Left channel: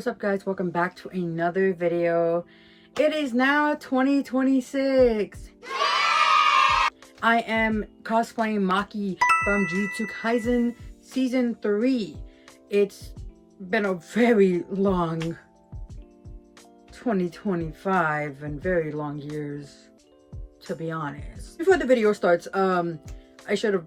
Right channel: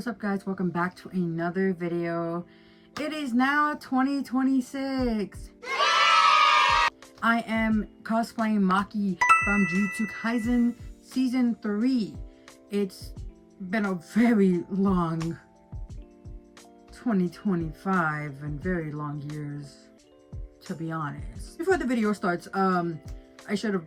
What's up, guys? Welcome back to another video. It is now 2026. I am cosplaying Maki from Jujutsu Kaisen Season 3. It's been a very long 2025 and very long years, to be honest. Before the video starts, I should have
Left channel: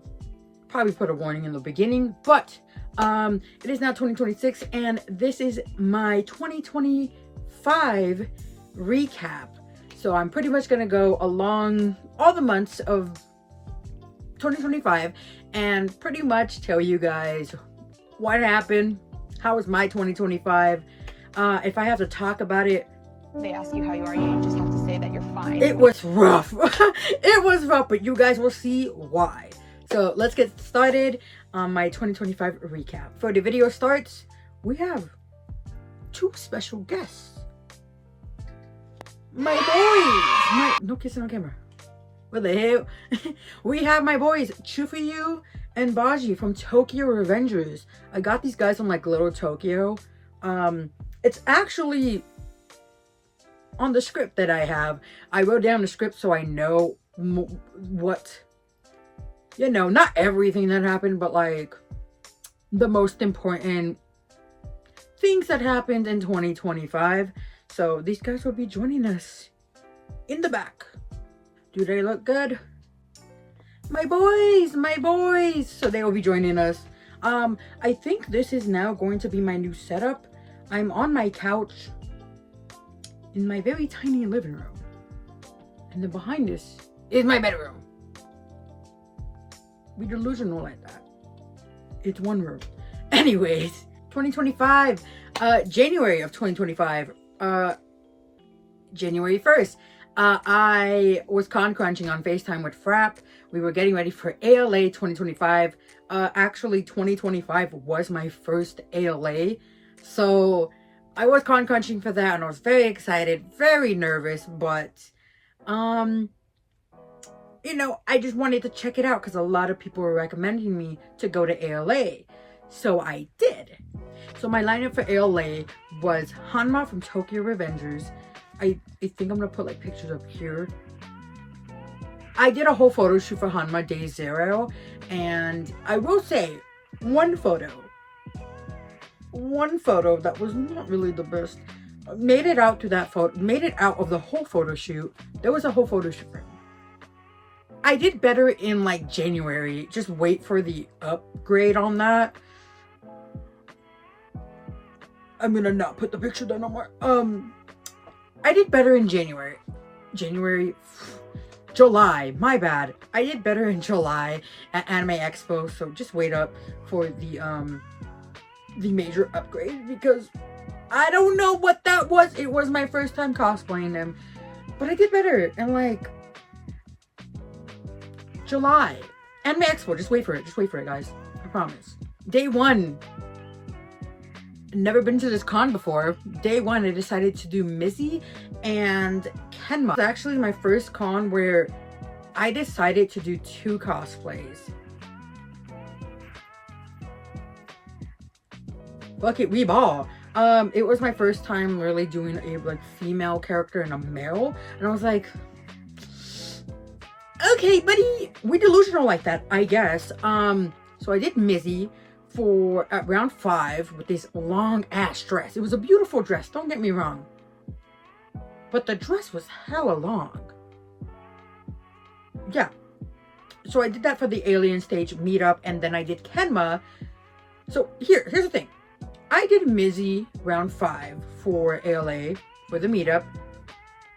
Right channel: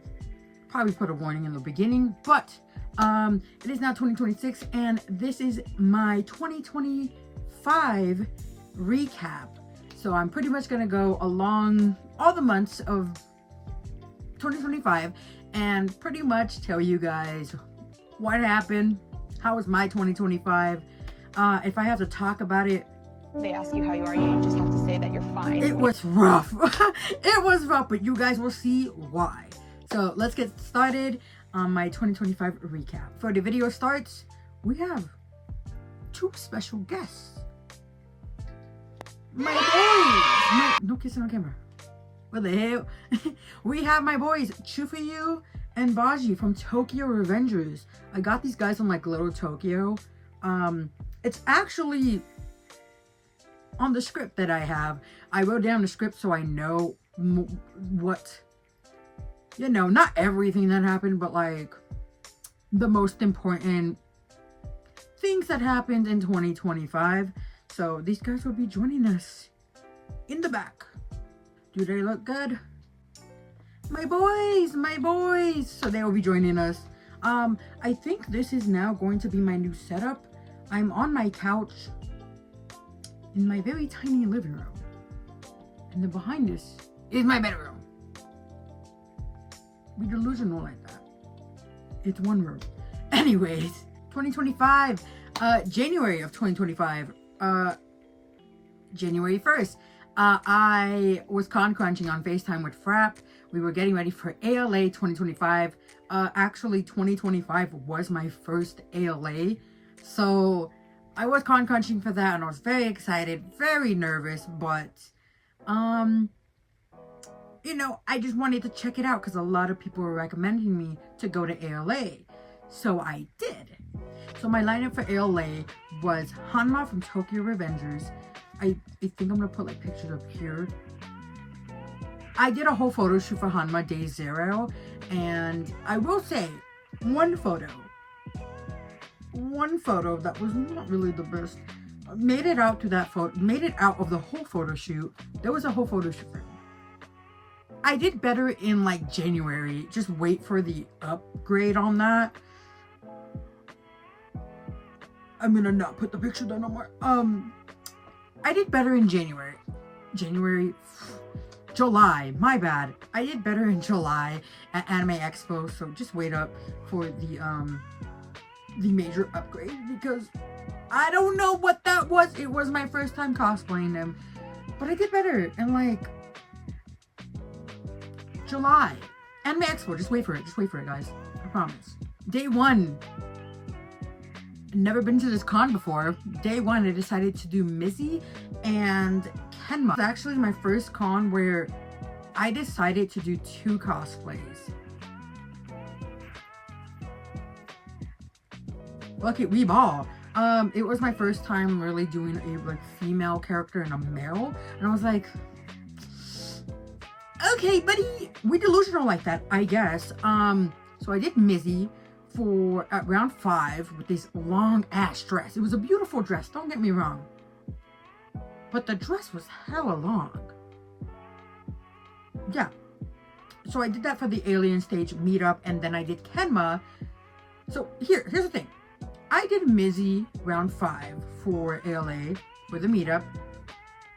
probably put a warning in the beginning, but it is now 2026 and this is my 2025 recap. So I'm pretty much gonna go along all the months of 2025 and pretty much tell you guys what happened, how was my 2025. If I have to talk about it, they ask you how you are, you just have to say that you're fine. it was rough. It was rough, but you guys will see why. So let's get started on my 2025 recap. Before the video starts, we have two special guests. My boys! No kissing on camera. What the hell? We have my boys, Chufuyu and Baji from Tokyo Revengers. I got these guys on like Little Tokyo. It's actually on the script that I have. I wrote down the script so I know what, you know, not everything that happened, but like the most important things that happened in 2025. So these guys will be joining us in the back. Do they look good? My boys, my boys. So they will be joining us. I think this is now going to be my new setup. I'm on my couch in my very tiny living room. And then behind this is my bedroom. Be delusional like that. It's one room. Anyways, 2025, January of 2025, January 1st, I was crunching on FaceTime with Frap. We were getting ready for ALA 2025. Actually, 2025 was my first ALA. So I was crunching for that and I was very excited, very nervous, but you know, I just wanted to check it out because a lot of people were recommending me to go to ALA. So I did. So my lineup for ALA was Hanma from Tokyo Revengers. I think I'm going to put like pictures up here. I did a whole photo shoot for Hanma Day 0. And I will say, one photo that was not really the best. Made it out to that photo, made it out of the whole photo shoot. There was a whole photo shoot for me. I did better in like January. Just wait for the upgrade on that. I'm gonna not put the picture there no more. I did better in January. July, my bad. I did better in July at Anime Expo, so just wait up for the major upgrade because I don't know what that was. It was my first time cosplaying them, but I did better in like July. Anime Expo, just wait for it, guys. I promise. Day 1. Never been to this con before. Day 1, I decided to do Mizzy and Kenma. It's actually my first con where I decided to do 2 cosplays. Fuck it, we ball. It was my first time really doing a like female character and a male, and I was like, okay, buddy, we delusional like that, I guess. So I did Mizzy for at round 5 with this long ass dress. It was a beautiful dress, don't get me wrong, but the dress was hella long. Yeah, so I did that for the alien stage meetup, and then I did Kenma. So here's the thing. I did Mizzy round 5 for ALA for the meetup.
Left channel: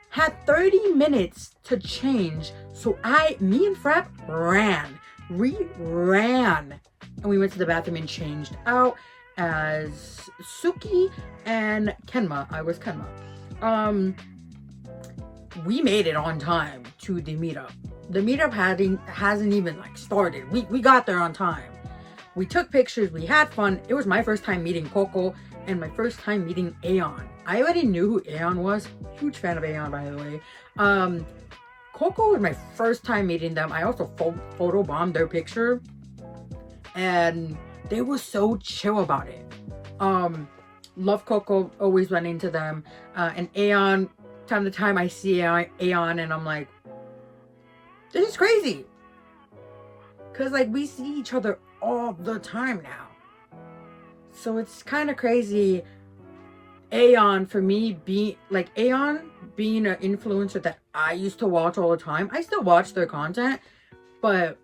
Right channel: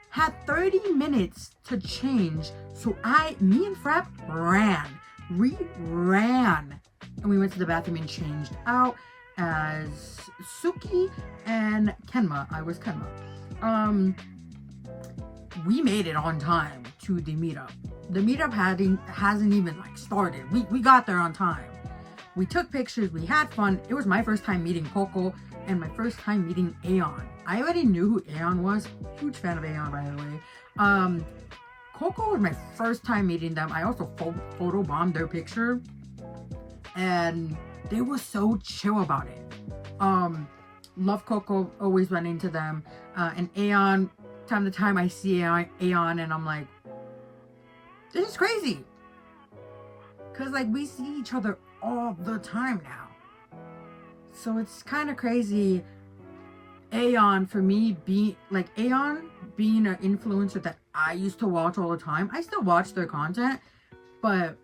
Had 30 minutes to change, so me and Frap ran. We ran. And we went to the bathroom and changed out as Suki and Kenma. I was Kenma. We made it on time to the meetup. The meetup hasn't even like started. We got there on time. We took pictures, we had fun. It was my first time meeting Coco and my first time meeting Aeon. I already knew who Aeon was. Huge fan of Aeon, by the way. Coco was my first time meeting them. I also photobombed their picture. And they were so chill about it. Love Coco, always run into them. And Aeon, time to time I see Aeon and I'm like, this is crazy. Because like we see each other all the time now. So it's kind of crazy. Aeon, for me, Aeon being an influencer that I used to watch all the time. I still watch their content, but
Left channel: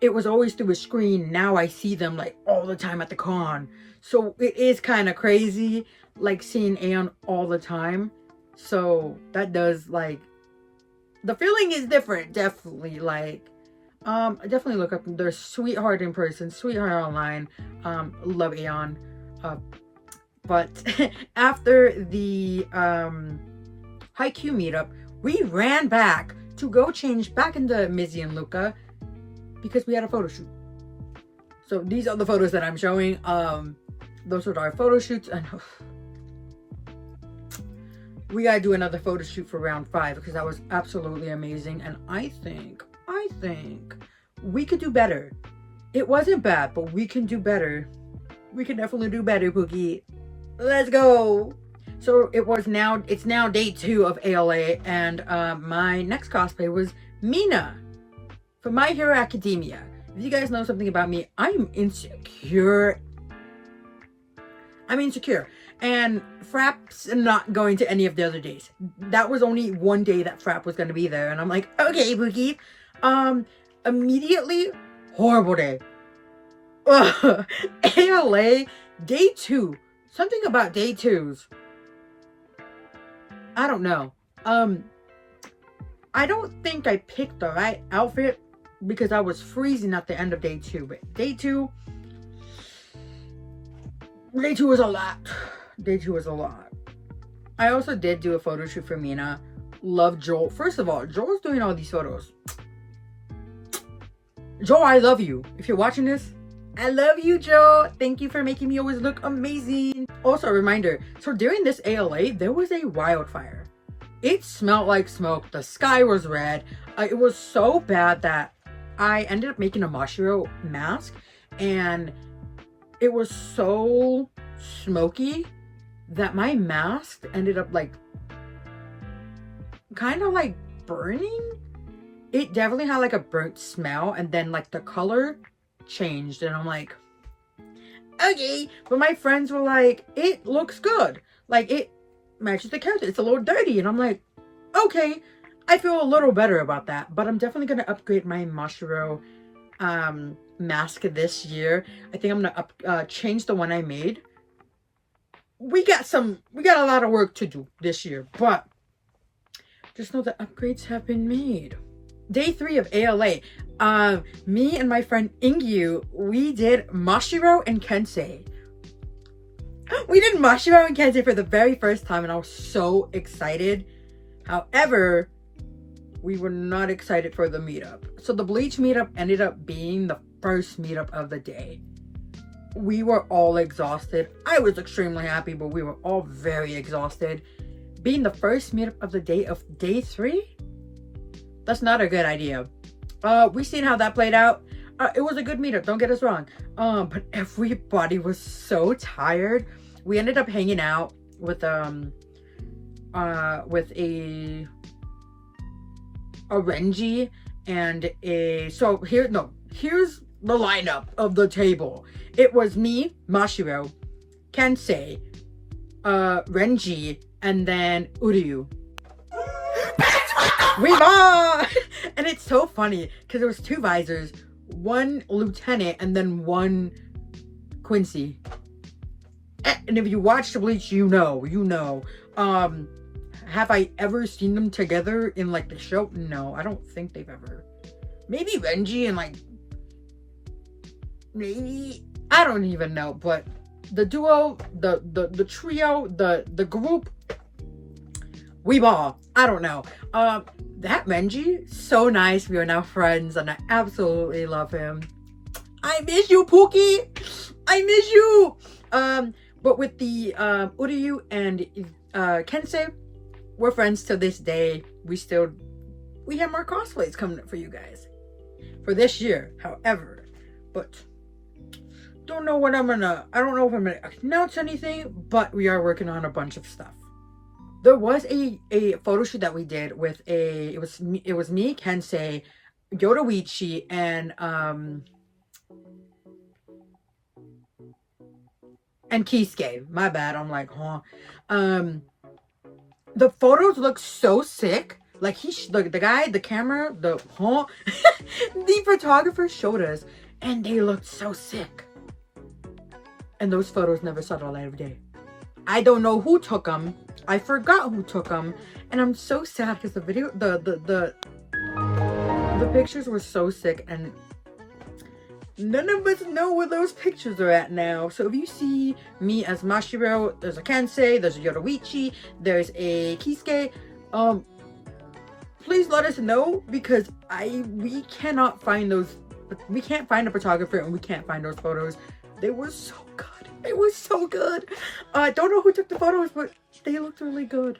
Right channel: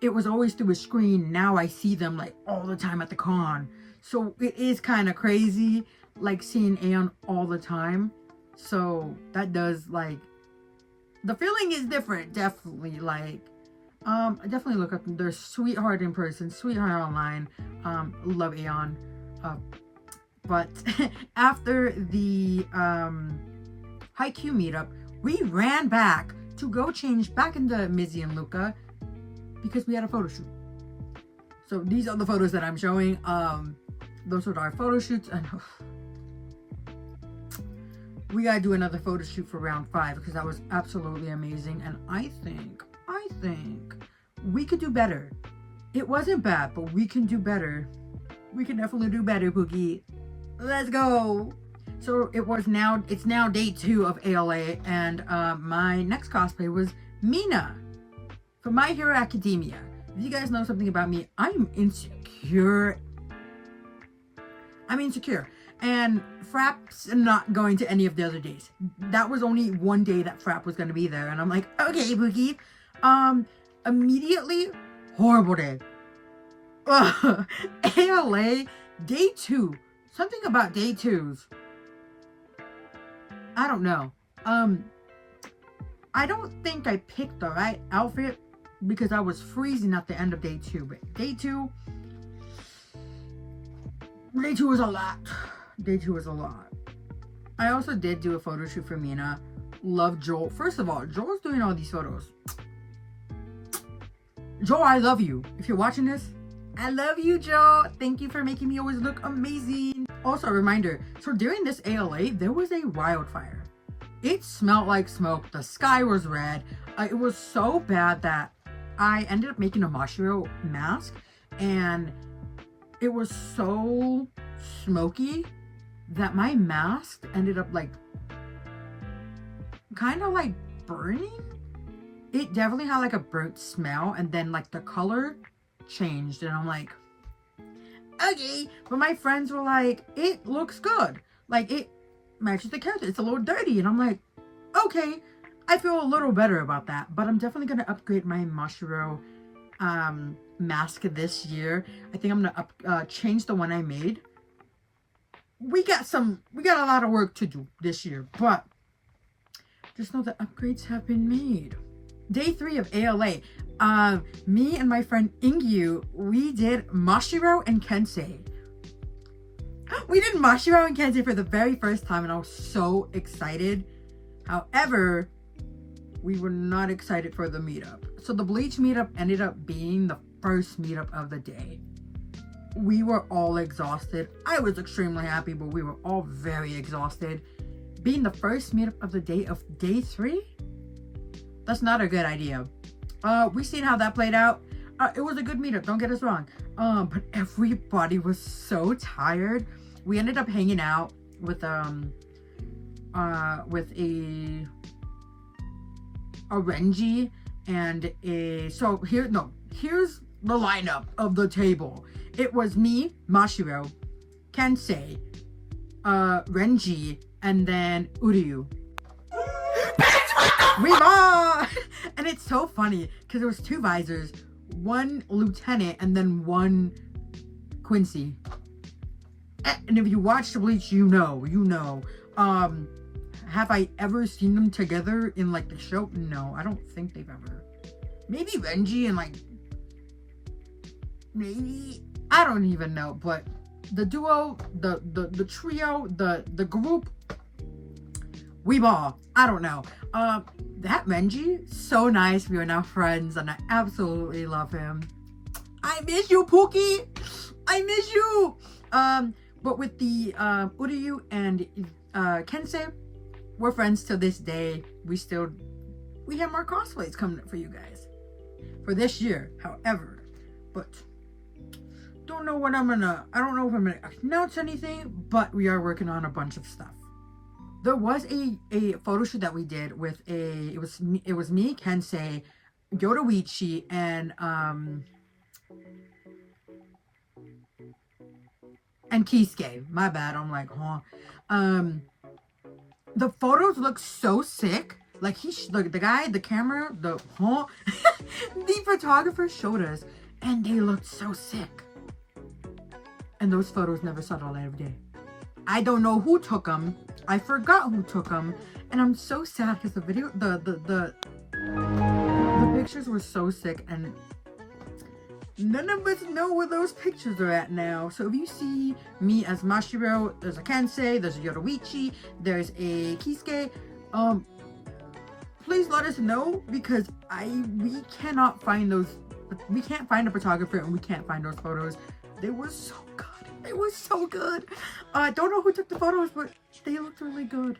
it was always through a screen. Now I see them like all the time at the con. So it is kind of crazy, like seeing Aeon all the time. So that does like, the feeling is different, definitely. Like, I definitely look up. They're sweetheart in person, sweetheart online. Love Aeon. But after the Haikyuu meetup, we ran back to go change back into Mizzy and Luca because we had a photo shoot. So these are the photos that I'm showing. Those are our photo shoots, and we gotta do another photo shoot for round 5 because that was absolutely amazing. And I think we could do better. It wasn't bad, but we can do better. We can definitely do better, Pookie. Let's go. So it's now day 2 of ALA, and my next cosplay was Mina from My Hero Academia. If you guys know something about me, I'm insecure. And Frapp's not going to any of the other days. That was only one day that Frapp was going to be there, and I'm like, okay, Pookie. Immediately, horrible day. ALA day 2. Something about day 2s. I don't know. I don't think I picked the right outfit because I was freezing at the end of day 2. But day 2 was a lot. Day 2 was a lot. I also did do a photo shoot for Mina. Love Joel. First of all, Joel's doing all these photos. Joel, I love you. If you're watching this, I love you, Joe. Thank you for making me always look amazing. Also, a reminder. So during this ALA, there was a wildfire. It smelled like smoke. The sky was red. It was so bad that I ended up making a Mashiro mask. And it was so smoky that my mask ended up like kind of like burning. It definitely had like a burnt smell, and then like the color changed, and I'm like, okay. But my friends were like, it looks good, like it matches the character. It's a little dirty, and I'm like, okay. I feel a little better about that, but I'm definitely gonna upgrade my Mashiro mask this year. I think I'm gonna change the one I made. We got a lot of work to do this year, but just know that upgrades have been made. Day 3 of ALA, me and my friend Ingyu, we did Mashiro and Kensei. We did Mashiro and Kensei for the very first time, and I was so excited. However, we were not excited for the meetup. So the Bleach meetup ended up being the first meetup of the day. We were all exhausted. I was extremely happy, but we were all very exhausted. Being the first meetup of the day of day 3? That's not a good idea. We seen how that played out. It was a good meetup, don't get us wrong. But everybody was so tired. We ended up hanging out with a Renji and here's the lineup of the table. It was me, Mashiro, Kensei, Renji, and then Uryu. We won! And it's so funny because there was 2 visors, 1 lieutenant, and then 1 Quincy. And if you watch the Bleach, you know. Have I ever seen them together in like the show? No, I don't think they've ever. Maybe Renji and like, maybe, I don't even know. But the duo, the trio, the group, we ball. I don't know. That Renji, so nice. We are now friends, and I absolutely love him. I miss you, Pookie. I miss you. But with the Uryu and Kensei, we're friends to this day. We have more cosplays coming up for you guys for this year. However, but don't don't know if I'm gonna announce anything, but we are working on a bunch of stuff. There was a photo shoot that we did with it was me, Kensei, Yodoichi, and Kisuke. My bad. I'm like, huh. The photos look so sick. Like the guy, the camera, the photographer showed us, and they looked so sick. And those photos never saw the light of day. I don't know who took them. I forgot who took them, and I'm so sad because the video, the pictures were so sick, and none of us know where those pictures are at now. So if you see me as Mashiro, there's a Kensei, there's a Yodoichi, there's a Kisuke, please let us know, because we cannot find those. We can't find a photographer, and we can't find those photos. They were so good. It was so good. I don't know who took the photos, but they looked really good.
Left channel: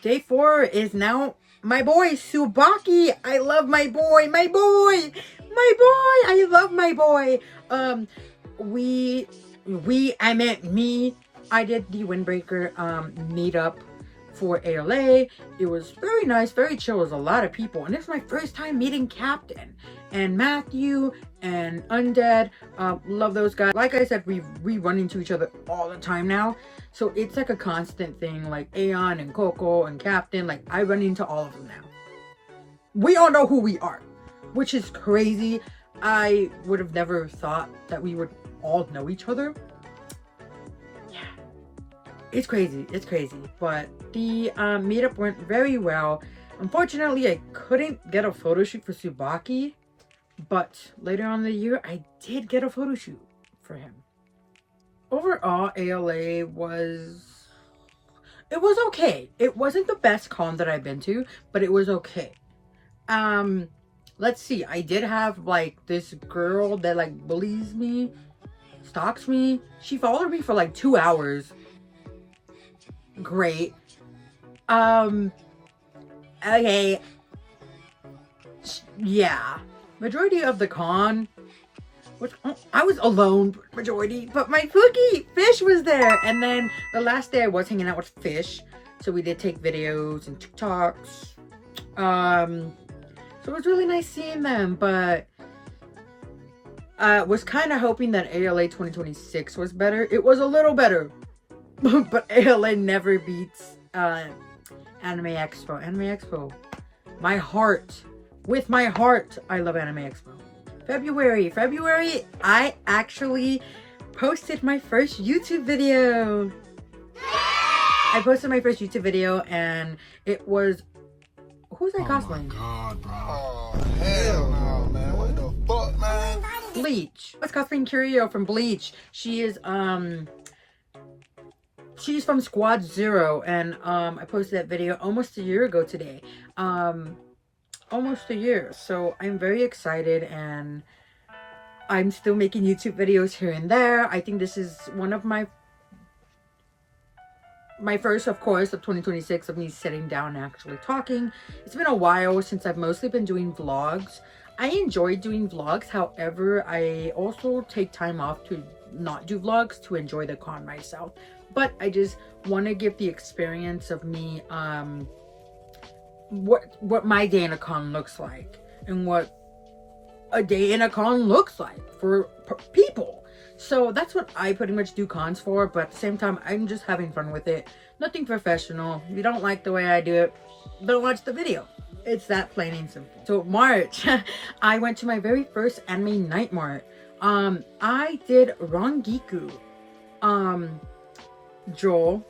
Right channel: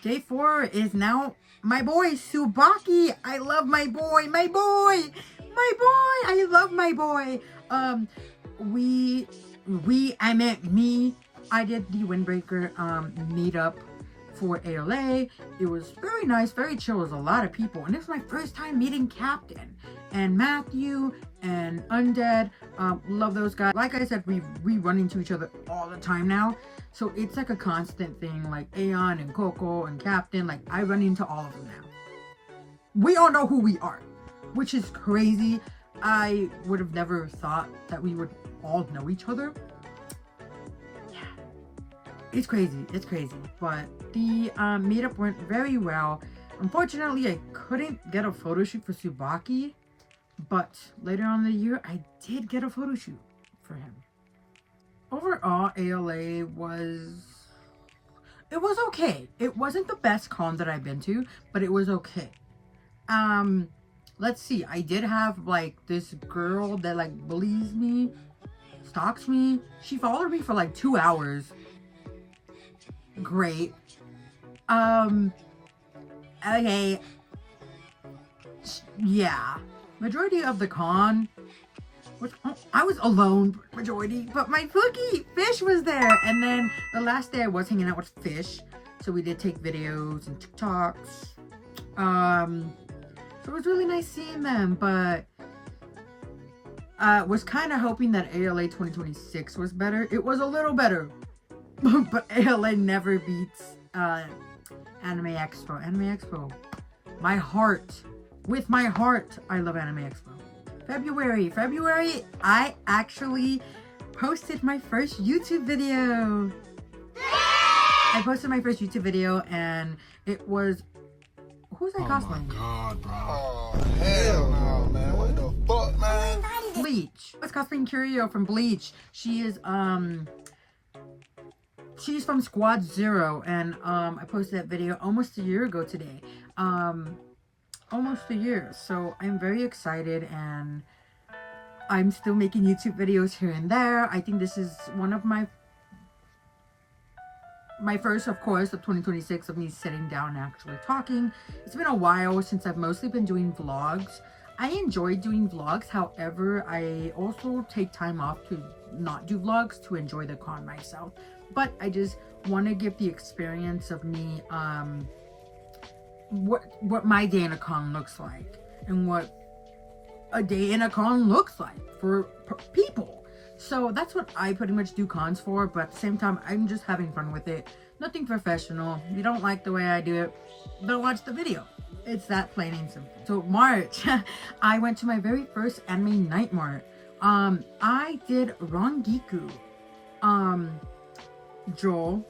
Day 4 is now my boy Tsubaki. I love my boy. I love my boy. I meant me. I did the Windbreaker meetup for ALA. It was very nice, very chill. It was a lot of people, and it's my first time meeting Captain and Matthew and Undead. Love those guys. Like I said, we run into each other all the time now, so it's like a constant thing. Like Aeon and Coco and Captain, like I run into all of them now. We all know who we are, which is crazy. I would have never thought that we would all know each other. It's crazy. But the meetup went very well. Unfortunately, I couldn't get a photo shoot for Tsubaki, but later on in the year, I did get a photo shoot for him. Overall, ALA was okay. It wasn't the best con that I've been to, but it was okay. Let's see. I did have like this girl that like bullies me, stalks me. She followed me for like 2 hours. Great. Okay. Yeah. Majority of the con, I was alone majority, but my Pookie Fish was there. And then the last day I was hanging out with Fish, so we did take videos and TikToks. So it was really nice seeing them, but was kind of hoping that ALA 2026 was better. It was a little better. But ALA never beats Anime Expo. Anime Expo. My heart. With my heart, I love Anime Expo. February, I actually posted my first YouTube video. I posted my first YouTube video, and it was... Who's I cosplaying? Oh my god, bro. Oh, hell no, man. What the fuck, man? Bleach. I was cosplaying Curio from Bleach. She is, she's from Squad 0, and I posted that video almost a year ago today. Almost a year. So I'm very excited, and I'm still making YouTube videos here and there. I think this is one of my first, of course, of 2026 of me sitting down and actually talking. It's been a while since I've mostly been doing vlogs. I enjoy doing vlogs. However, I also take time off to not do vlogs to enjoy the con myself. But I just want to give the experience of me, what my day in a con looks like, and what a day in a con looks like for people. So that's what I pretty much do cons for, but at the same time, I'm just having fun with it. Nothing professional. If you don't like the way I do it, don't watch the video. It's that plain and simple. So March, I went to my very first anime night mart. I did Rangiku. Joel,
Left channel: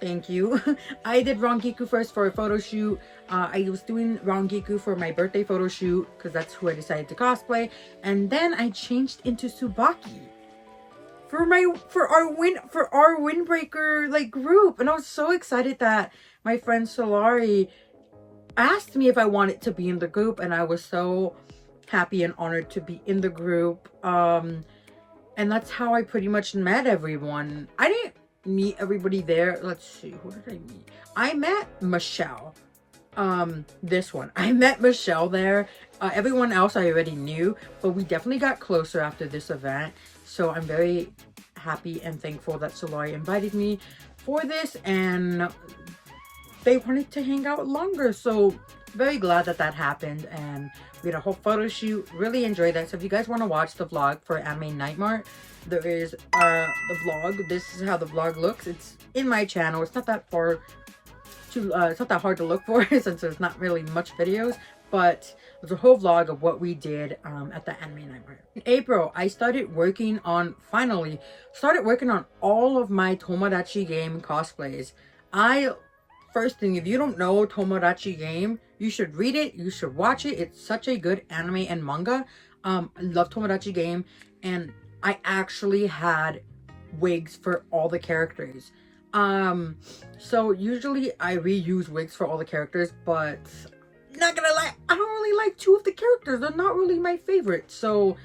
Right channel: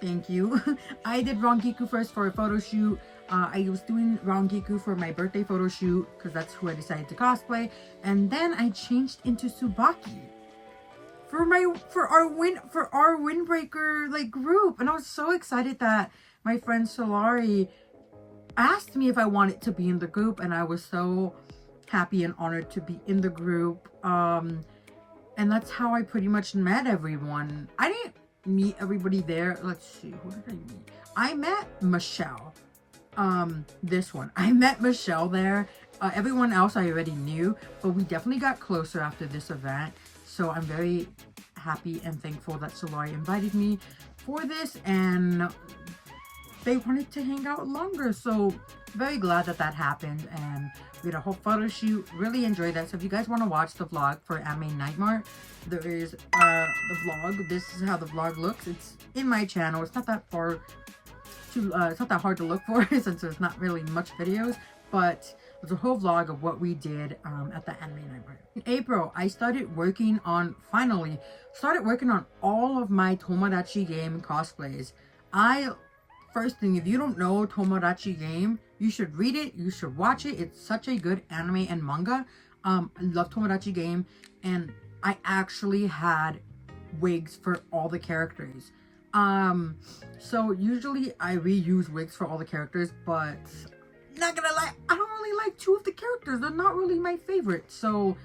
thank you. I did Rangiku first for a photo shoot. I was doing Rangiku for my birthday photo shoot because that's who I decided to cosplay, and then I changed into Tsubaki for our Windbreaker like group, and I was so excited that my friend Solari asked me if I wanted to be in the group, and I was so happy and honored to be in the group. And that's how I pretty much met everyone. I didn't meet everybody there. Let's see, who did I meet? I met Michelle. This one. I met Michelle there. Everyone else I already knew, but we definitely got closer after this event. So I'm very happy and thankful that Solari invited me for this, and they wanted to hang out longer. So very glad that that happened, and we had a whole photo shoot. Really enjoyed that. So if you guys want to watch the vlog for Anime Night Mart, there is the vlog. This is how the vlog looks. It's in my channel. It's not that far to it's not that hard to look for since there's not really much videos, but there's a whole vlog of what we did at the Anime Night Mart. In April, I finally started working on all of my Tomodachi Game cosplays. First thing, if you don't know Tomodachi Game, you should read it, you should watch it. It's such a good anime and manga. I love Tomodachi Game, and I actually had wigs for all the characters. So usually I reuse wigs for all the characters, but not gonna lie, I don't really like two of the characters. They're not really my favorite. So,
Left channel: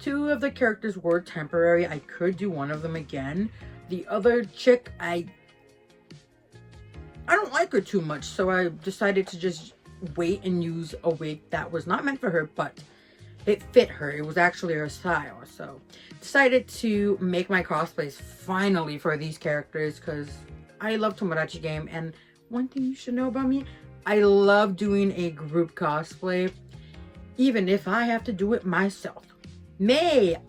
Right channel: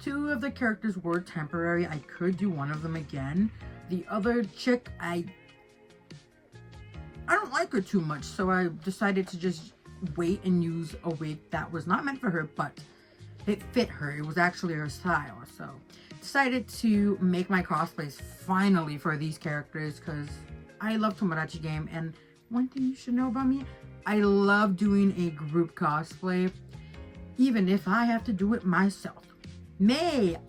two of the characters were temporary. I could do one of them again. The other chick, I don't like her too much, so I decided to just wait and use a wig that was not meant for her, but it fit her. It was actually her style. So decided to make my cosplays finally for these characters because I love Tomodachi Game. And one thing you should know about me, I love doing a group cosplay, even if I have to do it myself.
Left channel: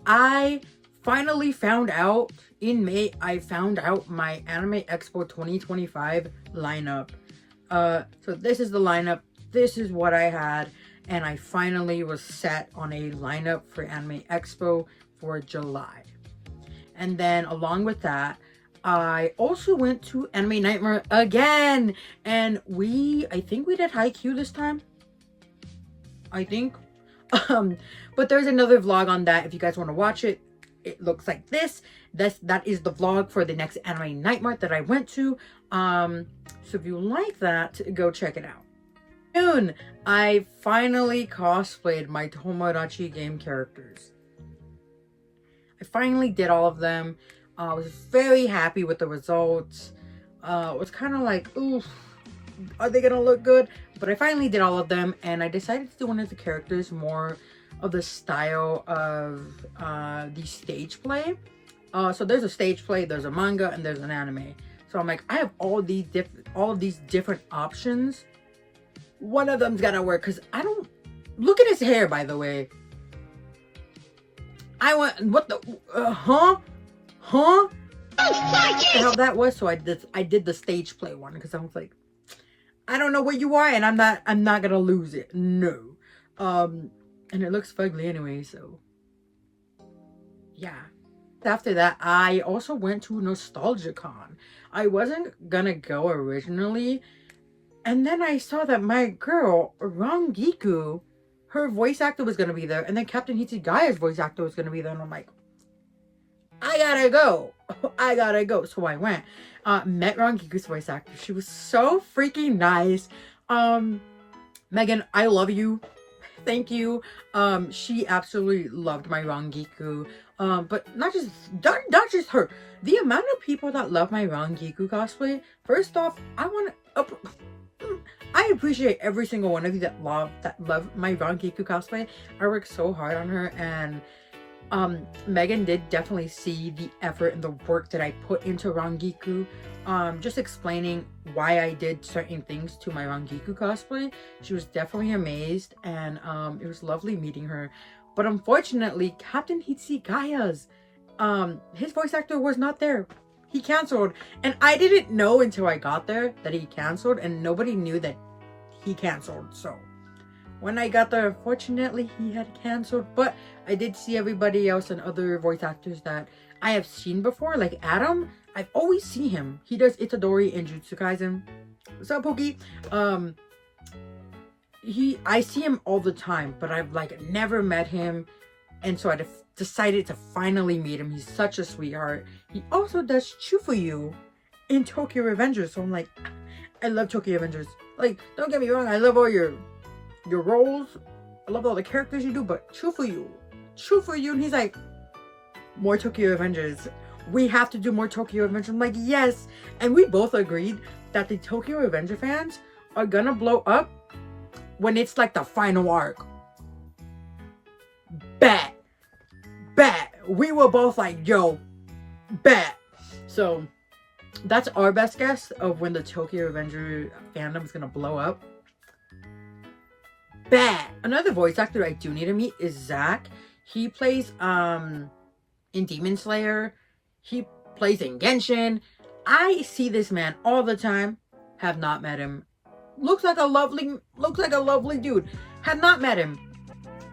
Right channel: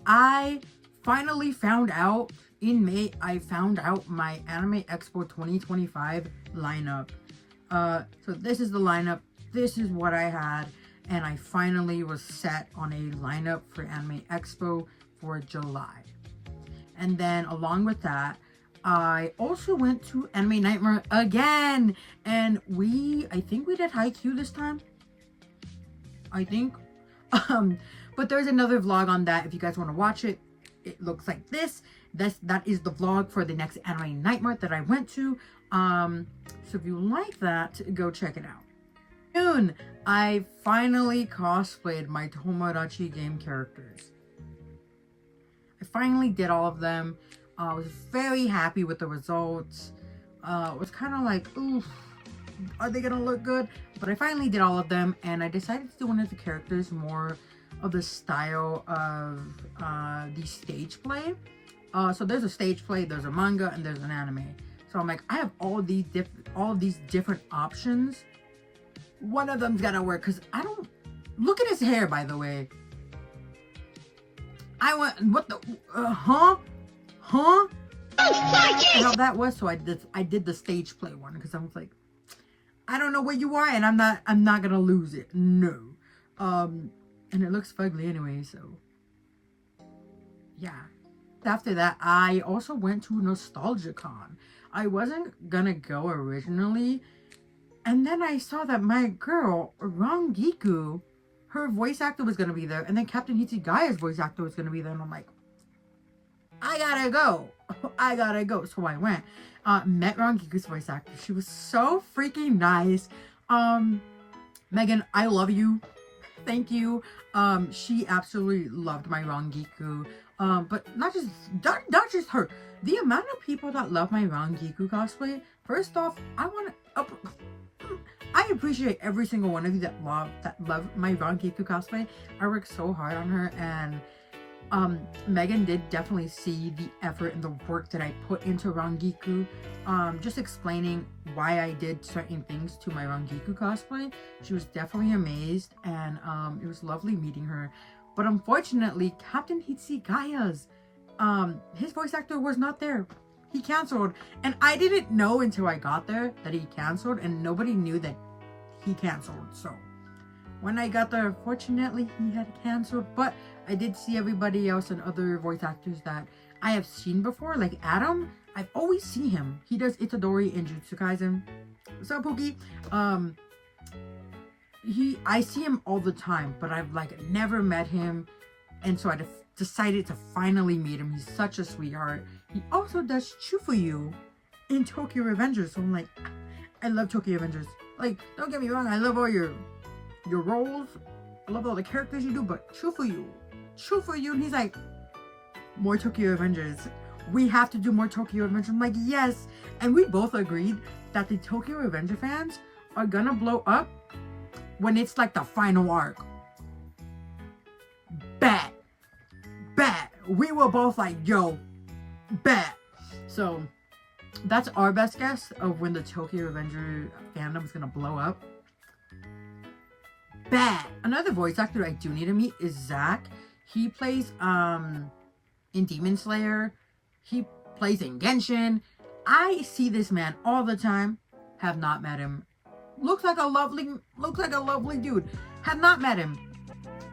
I finally found out in May, I found out my Anime Expo 2025 lineup. So this is the lineup. This is what I had. And I finally was set on a lineup for Anime Expo for July. And then along with that, I also went to Anime Night Mart again. And I think we did Haikyuu this time. I think. But there's another vlog on that if you guys want to watch it. It looks like this. That is the vlog for the next Anime Night Mart that I went to. So if you like that, go check it out. Soon, I finally cosplayed my Tomodachi Game characters. I finally did all of them. I was very happy with the results. It was kind of like, ooh, are they gonna look good? But I finally did all of them, and I decided to do one of the characters more of the style of the stage play. So there's a stage play, there's a manga, and there's an anime. So I'm like, I have all of these different options. One of them's gotta work, because I don't look at his hair, by the way. What the huh? How that was. So I did the stage play one because I was like, I don't know where you are, and I'm not gonna lose it. No. And it looks fugly anyway, so yeah. After that, I also went to NostalgiaCon. I wasn't gonna go originally, and then I saw that my girl, Rangiku, her voice actor was gonna be there, and then Captain Hitsugaya's voice actor was gonna be there, and I'm like, I gotta go. I gotta go. So I went. Met Rangiku's voice actor. She was so freaking nice. Megan, I love you. Thank you. She absolutely loved my Rangiku. But not just her. The amount of people that love my Rangiku cosplay. First off, I appreciate every single one of you that love my Rangiku cosplay. I worked so hard on her, and Megan did definitely see the effort and the work that I put into Rangiku. Just explaining why I did certain things to my Rangiku cosplay. She was definitely amazed, and it was lovely meeting her. But unfortunately, Captain Hitsugaya's his voice actor was not there. He canceled, and I didn't know until I got there that he canceled, and nobody knew that he canceled. So when I got there, unfortunately, he had canceled. But I did see everybody else and other voice actors that I have seen before, like Adam. I've always seen him. He does Itadori in Jujutsu Kaisen. What's up, Pookie? I see him all the time, but I've never met him, and so I decided to finally meet him. He's such a sweetheart. He also does Chufuyu in Tokyo Revengers, so I'm like, I love Tokyo Revengers. Like, don't get me wrong, I love all your roles. I love all the characters you do, but Chufuyu, and he's like, more Tokyo Revengers. We have to do more Tokyo Revengers. I'm like, yes. And we both agreed that the Tokyo Revenger fans are gonna blow up when it's like the final arc. Bet. we were both like, yo, bet. So that's our best guess of when the Tokyo Revenger fandom is gonna blow up. Bet. Another voice actor I do need to meet is Zach. He plays in Demon Slayer. He plays in Genshin. I see this man all the time. Have not met him. Looks like a lovely dude. Have not met him.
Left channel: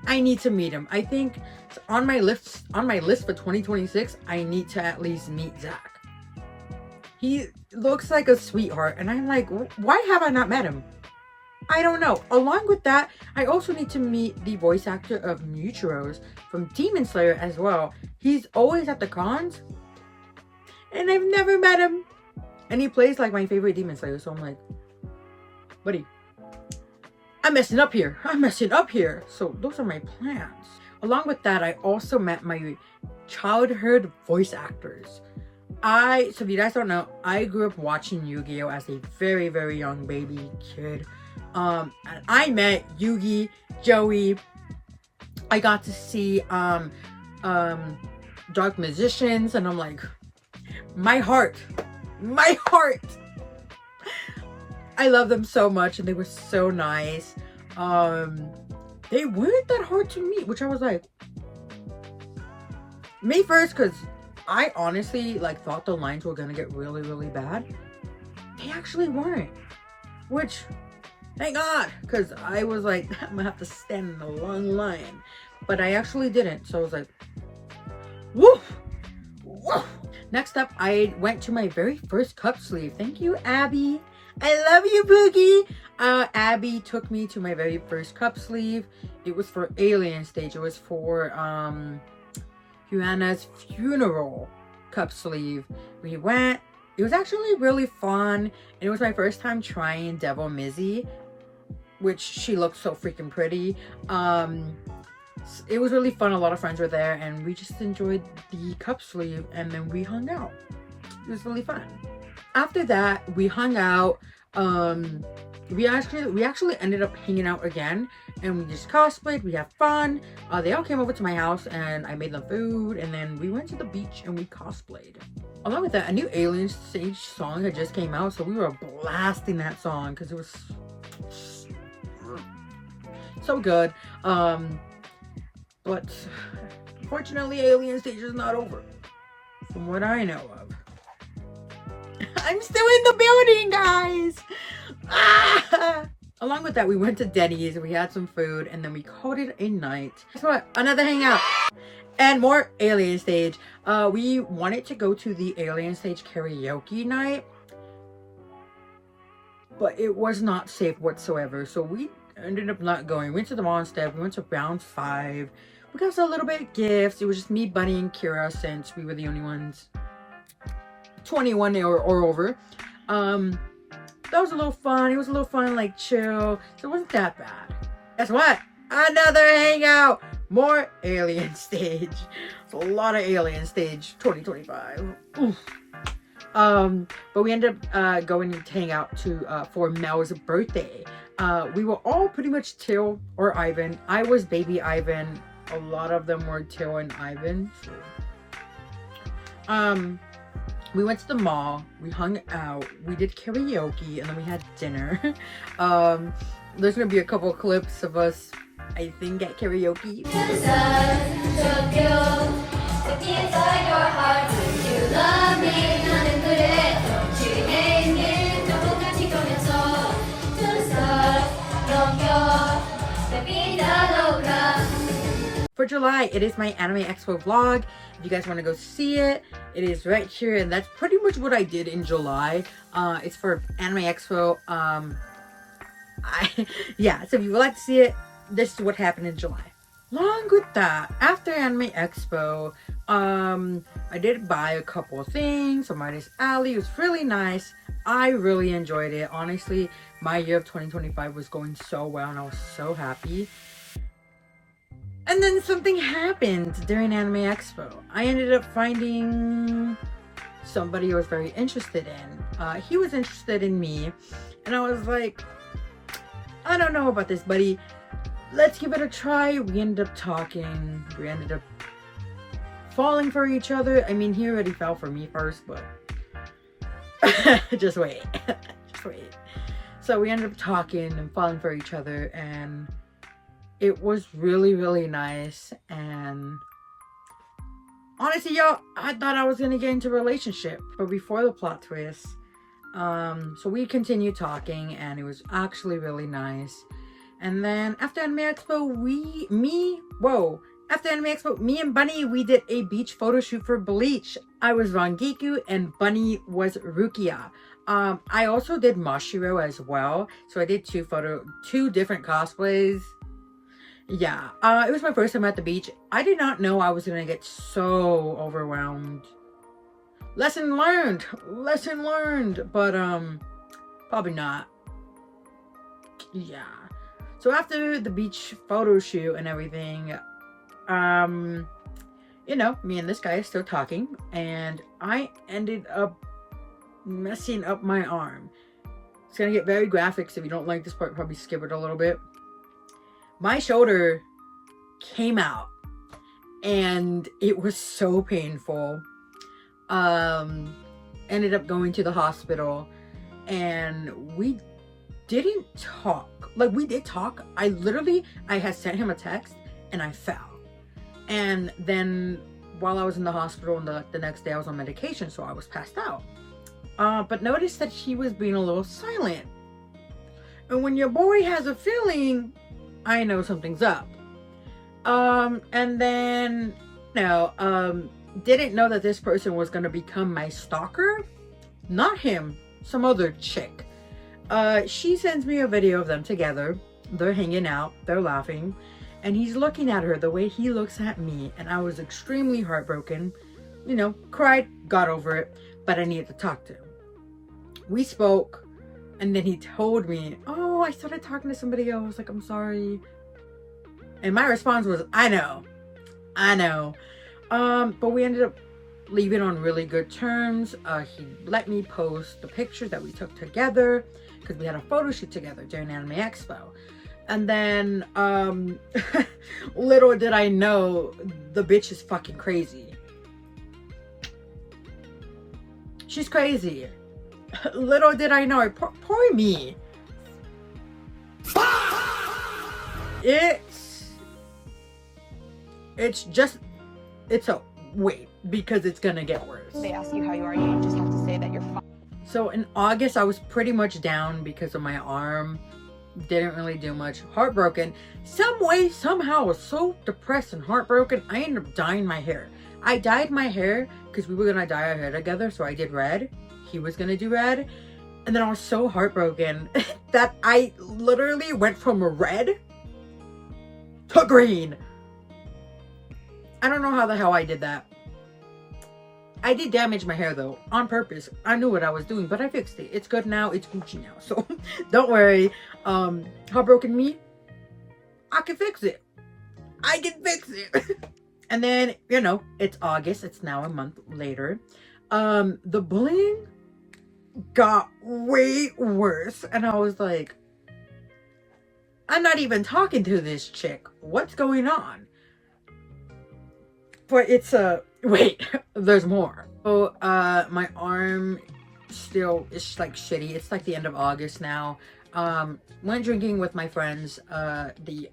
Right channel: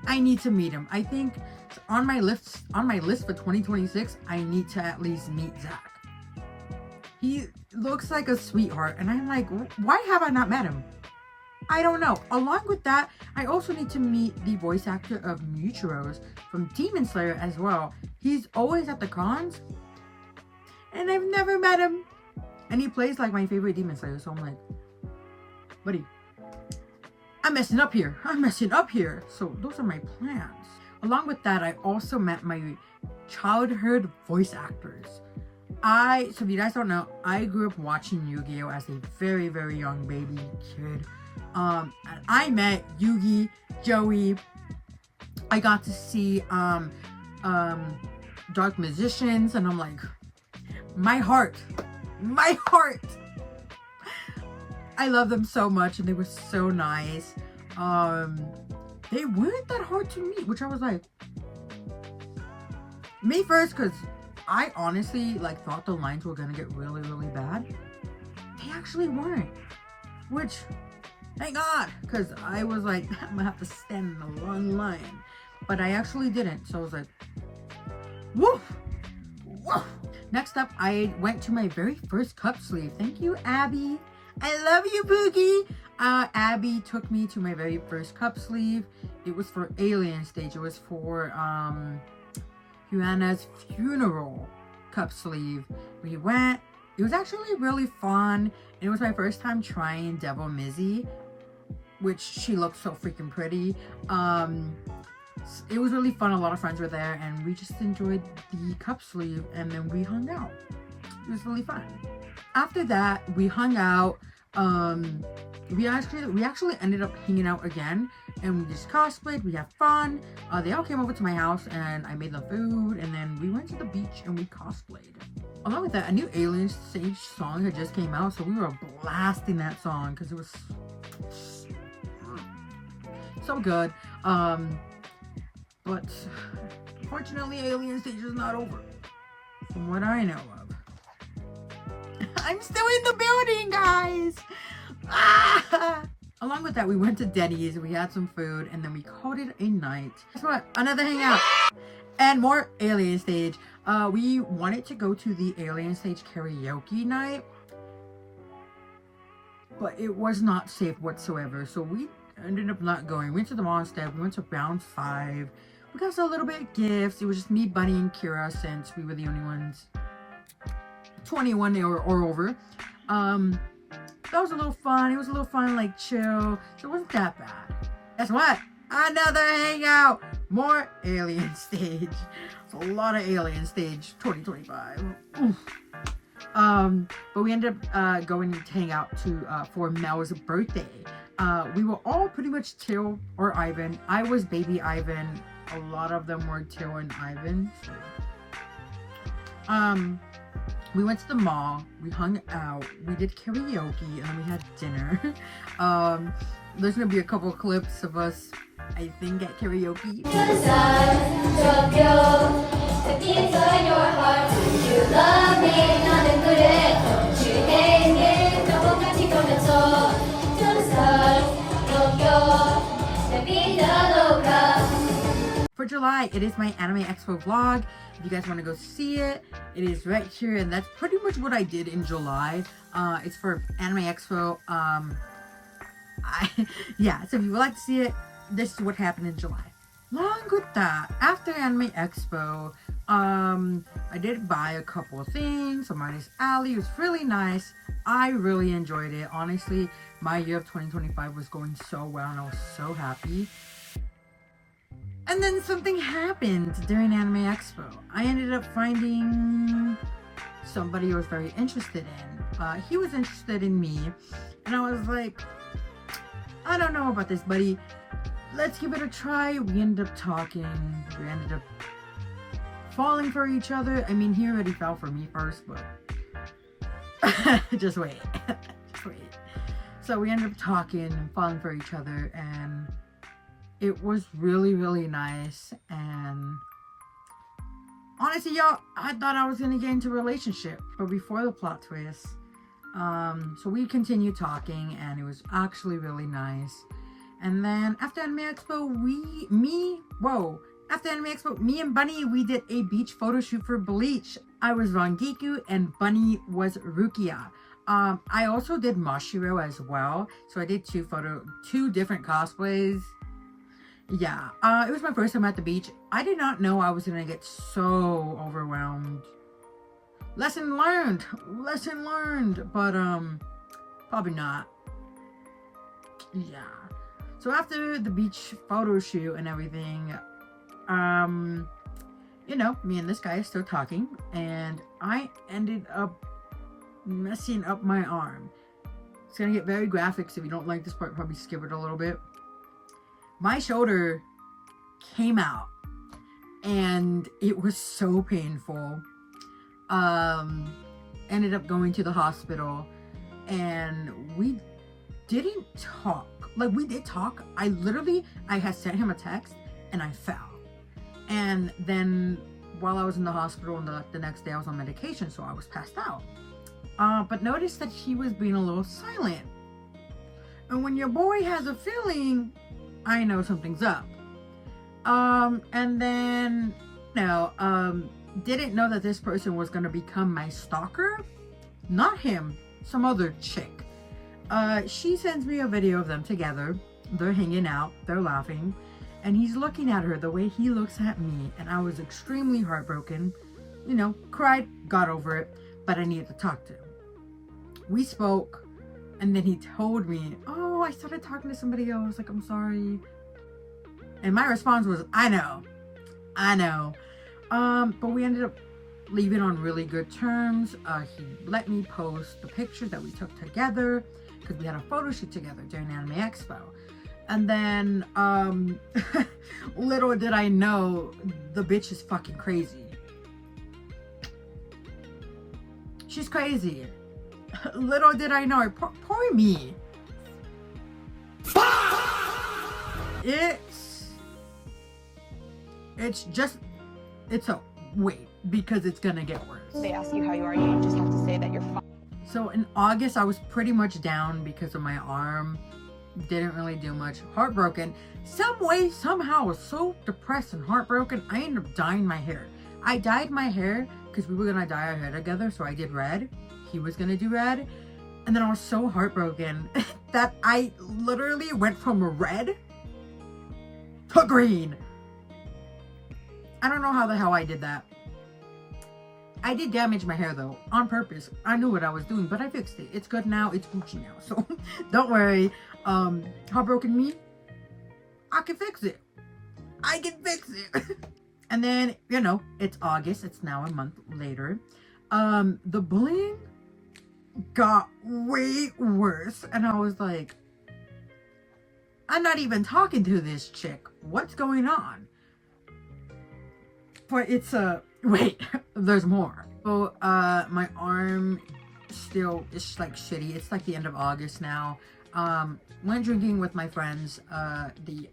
I need to meet him. I think on my list for 2026, I need to at least meet Zach. He looks like a sweetheart, and I'm like, why have I not met him? I don't know. Along with that, I also need to meet the voice actor of Muturos from Demon Slayer as well. He's always at the cons, and I've never met him. And he plays like my favorite Demon Slayer, so I'm like, buddy, I'm messing up here. So those are my plans. Along with that, I also met my childhood voice actors. So if you guys don't know, I grew up watching Yu-Gi-Oh! As a very, very young baby kid. And I met Yugi, Joey. I got to see Dark Magicians, and I'm like, my heart. I love them so much, and they were so nice. They weren't that hard to meet, which I was like, me first, because I honestly thought the lines were gonna get really, really bad. They actually weren't, which, thank God, because I was like, I'm gonna have to stand in a long line, but I actually didn't. So I was like, woof. Next up, I went to my very first cup sleeve. Thank you, Abby. I love you, Boogie. Abby took me to my very first cup sleeve. It was for Alien Stage. It was for Huana's funeral cup sleeve. We went. It was actually really fun. And it was my first time trying Devil Mizzy, which she looked so freaking pretty. It was really fun. A lot of friends were there, and we just enjoyed the cup sleeve, and then we hung out. It was really fun. After that, we hung out. We actually ended up hanging out again, and we just cosplayed. We had fun. They all came over to my house, and I made them food, and then we went to the beach and we cosplayed. Along with that, a new Alien Stage song had just came out, so we were blasting that song because it was so good. But unfortunately, Alien Stage is not over, from what I know of. I'm still in the building, guys! Ah! Along with that, we went to Denny's, we had some food, and then we called it a night. Guess what? Another hangout! And more Alien Stage. We wanted to go to the Alien Stage karaoke night, but it was not safe whatsoever, so we ended up not going. We went to the mall instead. We went to Round 5. We got a little bit of gifts. It was just me, Bunny, and Kira, since we were the only ones 21 or over. That was a little fun. It was a little fun, chill. So it wasn't that bad. Guess what? Another hangout. More Alien Stage. It's a lot of Alien Stage 2025. Oof. But we ended up going to hang out for Mel's birthday. We were all pretty much Till or Ivan. I was baby Ivan. A lot of them were Till and Ivan. We went to the mall, we hung out, we did karaoke, and then we had dinner. There's gonna be a couple clips of us, I think, at karaoke. For July, it is my Anime Expo vlog. If you guys want to go see it, it is right here, and that's pretty much what I did in July. It's for Anime Expo. Yeah, so if you would like to see it, this is what happened in July. Along with that, after Anime Expo, I did buy a couple of things from Artist Alley. It was really nice. I really enjoyed it. Honestly, my year of 2025 was going so well, and I was so happy. And then something happened during Anime Expo. I ended up finding somebody I was very interested in. He was interested in me, and I was like, I don't know about this, buddy. Let's give it a try. We ended up talking. We ended up falling for each other. I mean, he already fell for me first, but just wait. Just wait. So we ended up talking and falling for each other, and it was really, really nice. And honestly, y'all, I thought I was gonna get into a relationship, but before the plot twist, so we continued talking, and it was actually really nice. And then after Anime Expo, after Anime Expo, me and Bunny, we did a beach photo shoot for Bleach. I was Rangiku and Bunny was Rukia. I also did Mashiro as well, so I did two different cosplays. Yeah, it was my first time at the beach. I did not know I was gonna get so overwhelmed. Lesson learned, but probably not. Yeah. So after the beach photo shoot and everything, you know, me and this guy is still talking, and I ended up messing up my arm. It's gonna get very graphic, so if you don't like this part, probably skip it a little bit. My shoulder came out, and it was so painful. Ended up going to the hospital, and we didn't talk. Like, we did talk. I had sent him a text, and I fell. And then while I was in the hospital, and the next day I was on medication, so I was passed out. But noticed that he was being a little silent. And when your boy has a feeling, I know something's up. And then, didn't know that this person was gonna become my stalker. Not him, some other chick. She sends me a video of them together. They're hanging out, they're laughing, and he's looking at her the way he looks at me, and I was extremely heartbroken. You know, cried, got over it, but I needed to talk to him. We spoke, and then he told me, oh, I started talking to somebody else, like, I'm sorry. And my response was, I know. But we ended up leaving on really good terms. He let me post the pictures that we took together, because we had a photo shoot together during Anime Expo. And then, little did I know, the bitch is fucking crazy. She's crazy. Little did I know, poor me. Wait, because it's gonna get worse. They ask you how you are, you just have to say that you're fine. So in August, I was pretty much down because of my arm. Didn't really do much. Heartbroken. Some way, somehow, I was so depressed and heartbroken, I ended up dyeing my hair. I dyed my hair because we were gonna dye our hair together, so I did red. He was gonna do red. And then I was so heartbroken that I literally went from red to green. I don't know how the hell I did that. I did damage my hair though, on purpose. I knew what I was doing, but I fixed it. It's good now, it's Gucci now, so don't worry. Heartbroken me, I can fix it. And then, you know, it's August, it's now a month later. The bullying got way worse, and I was like, I'm not even talking to this chick. What's going on? But it's wait, there's more. So my arm still is like shitty. It's like the end of August now. Went drinking with my friends, the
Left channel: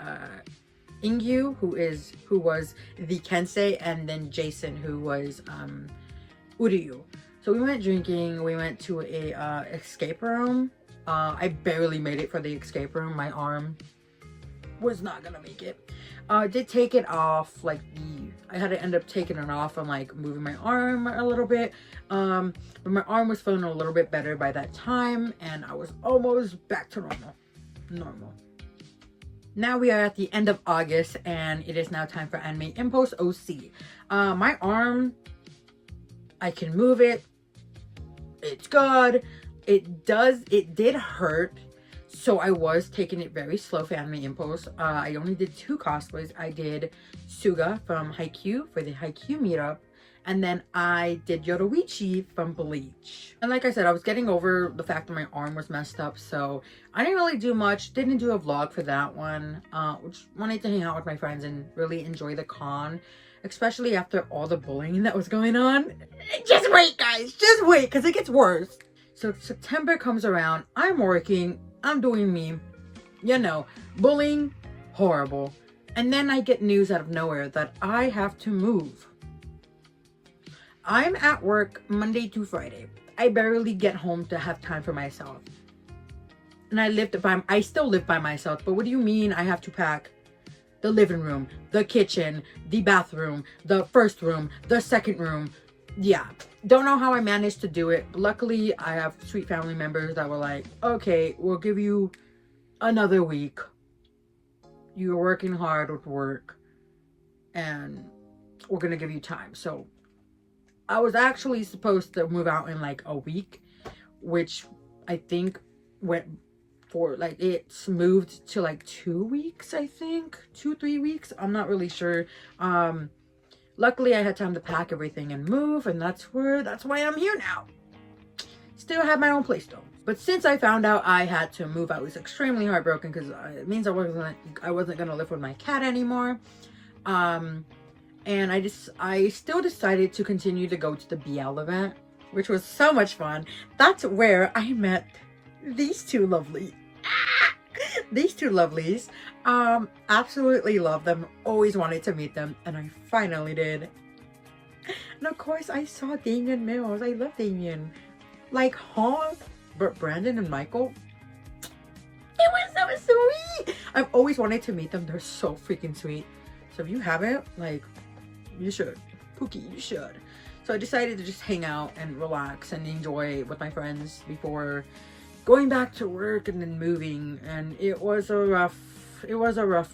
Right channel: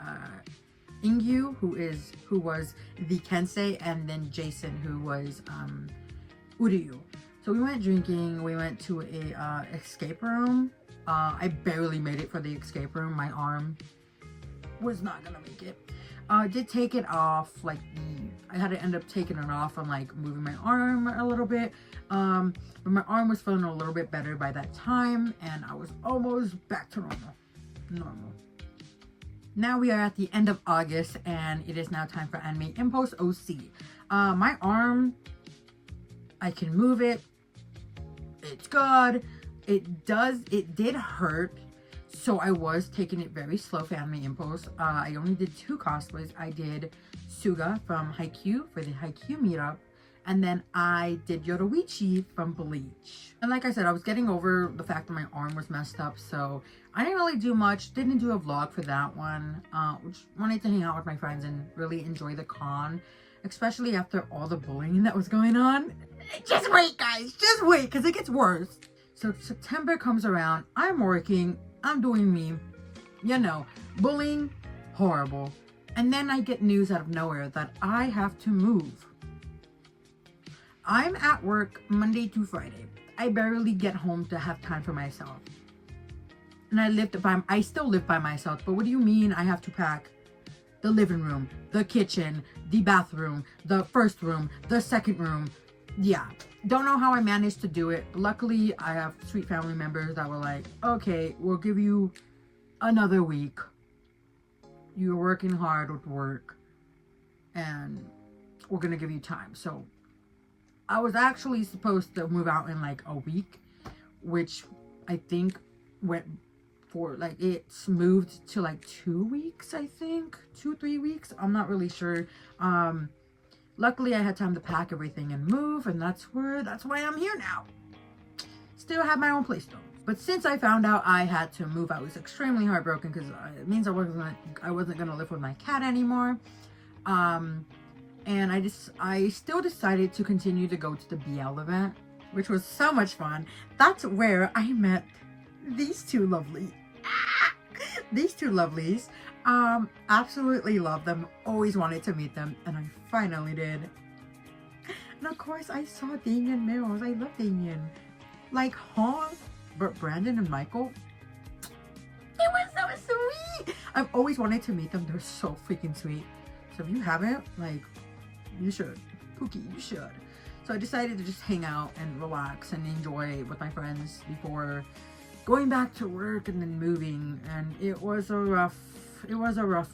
Ingyu, who was the Kensei, and then Jason, who was Uryu. So we went drinking. We went to a escape room. I barely made it for the escape room. My arm was not gonna make it. Did take it off, like, I had to end up taking it off and like moving my arm a little bit. But my arm was feeling a little bit better by that time, and I was almost back to normal. Now we are at the end of August, and it is now time for Anime Impulse OC. My arm, I can move it. It's good. It did hurt. So I was taking it very slow for Anime Impulse. I only did 2 cosplays. I did Suga from Haikyuu for the Haikyuu meetup. And then I did Yoruichi from Bleach. And like I said, I was getting over the fact that my arm was messed up. So I didn't really do much. Didn't do a vlog for that one. Just wanted to hang out with my friends and really enjoy the con. especially after all the bullying that was going on. Just wait, guys, just wait, because it gets worse. So September comes around, I'm working, I'm doing me, you know, bullying, horrible. And then I get news out of nowhere that I have to move. I'm at work Monday to Friday. I barely get home to have time for myself. And I still live by myself, but what do you mean I have to pack the living room, the kitchen, the bathroom, the first room, the second room? Yeah, don't know how I managed to do it. Luckily, I have sweet family members that were like, okay, we'll give you another week. You're working hard with work and we're gonna give you time. So I was actually supposed to move out in like a week, which I think went for like, it's moved to like 2 weeks, I think 2-3 weeks, I'm not really sure. Luckily I had time to pack everything and move, and that's why I'm here now. Still have my own place though. But since I found out I had to move, I was extremely heartbroken because it means I wasn't gonna live with my cat anymore. And I still decided to continue to go to the BL event, which was so much fun. That's where I met these two lovelies. Absolutely love them. Always wanted to meet them, and I finally did. And of course, I saw Damien Mills. I love Damien. Like, huh? But Brandon and Michael, it was so sweet. I've always wanted to meet them. They're so freaking sweet. So if you haven't, like, you should. Pookie, you should. So I decided to just hang out and relax and enjoy with my friends before going back to work and then moving. And it was a rough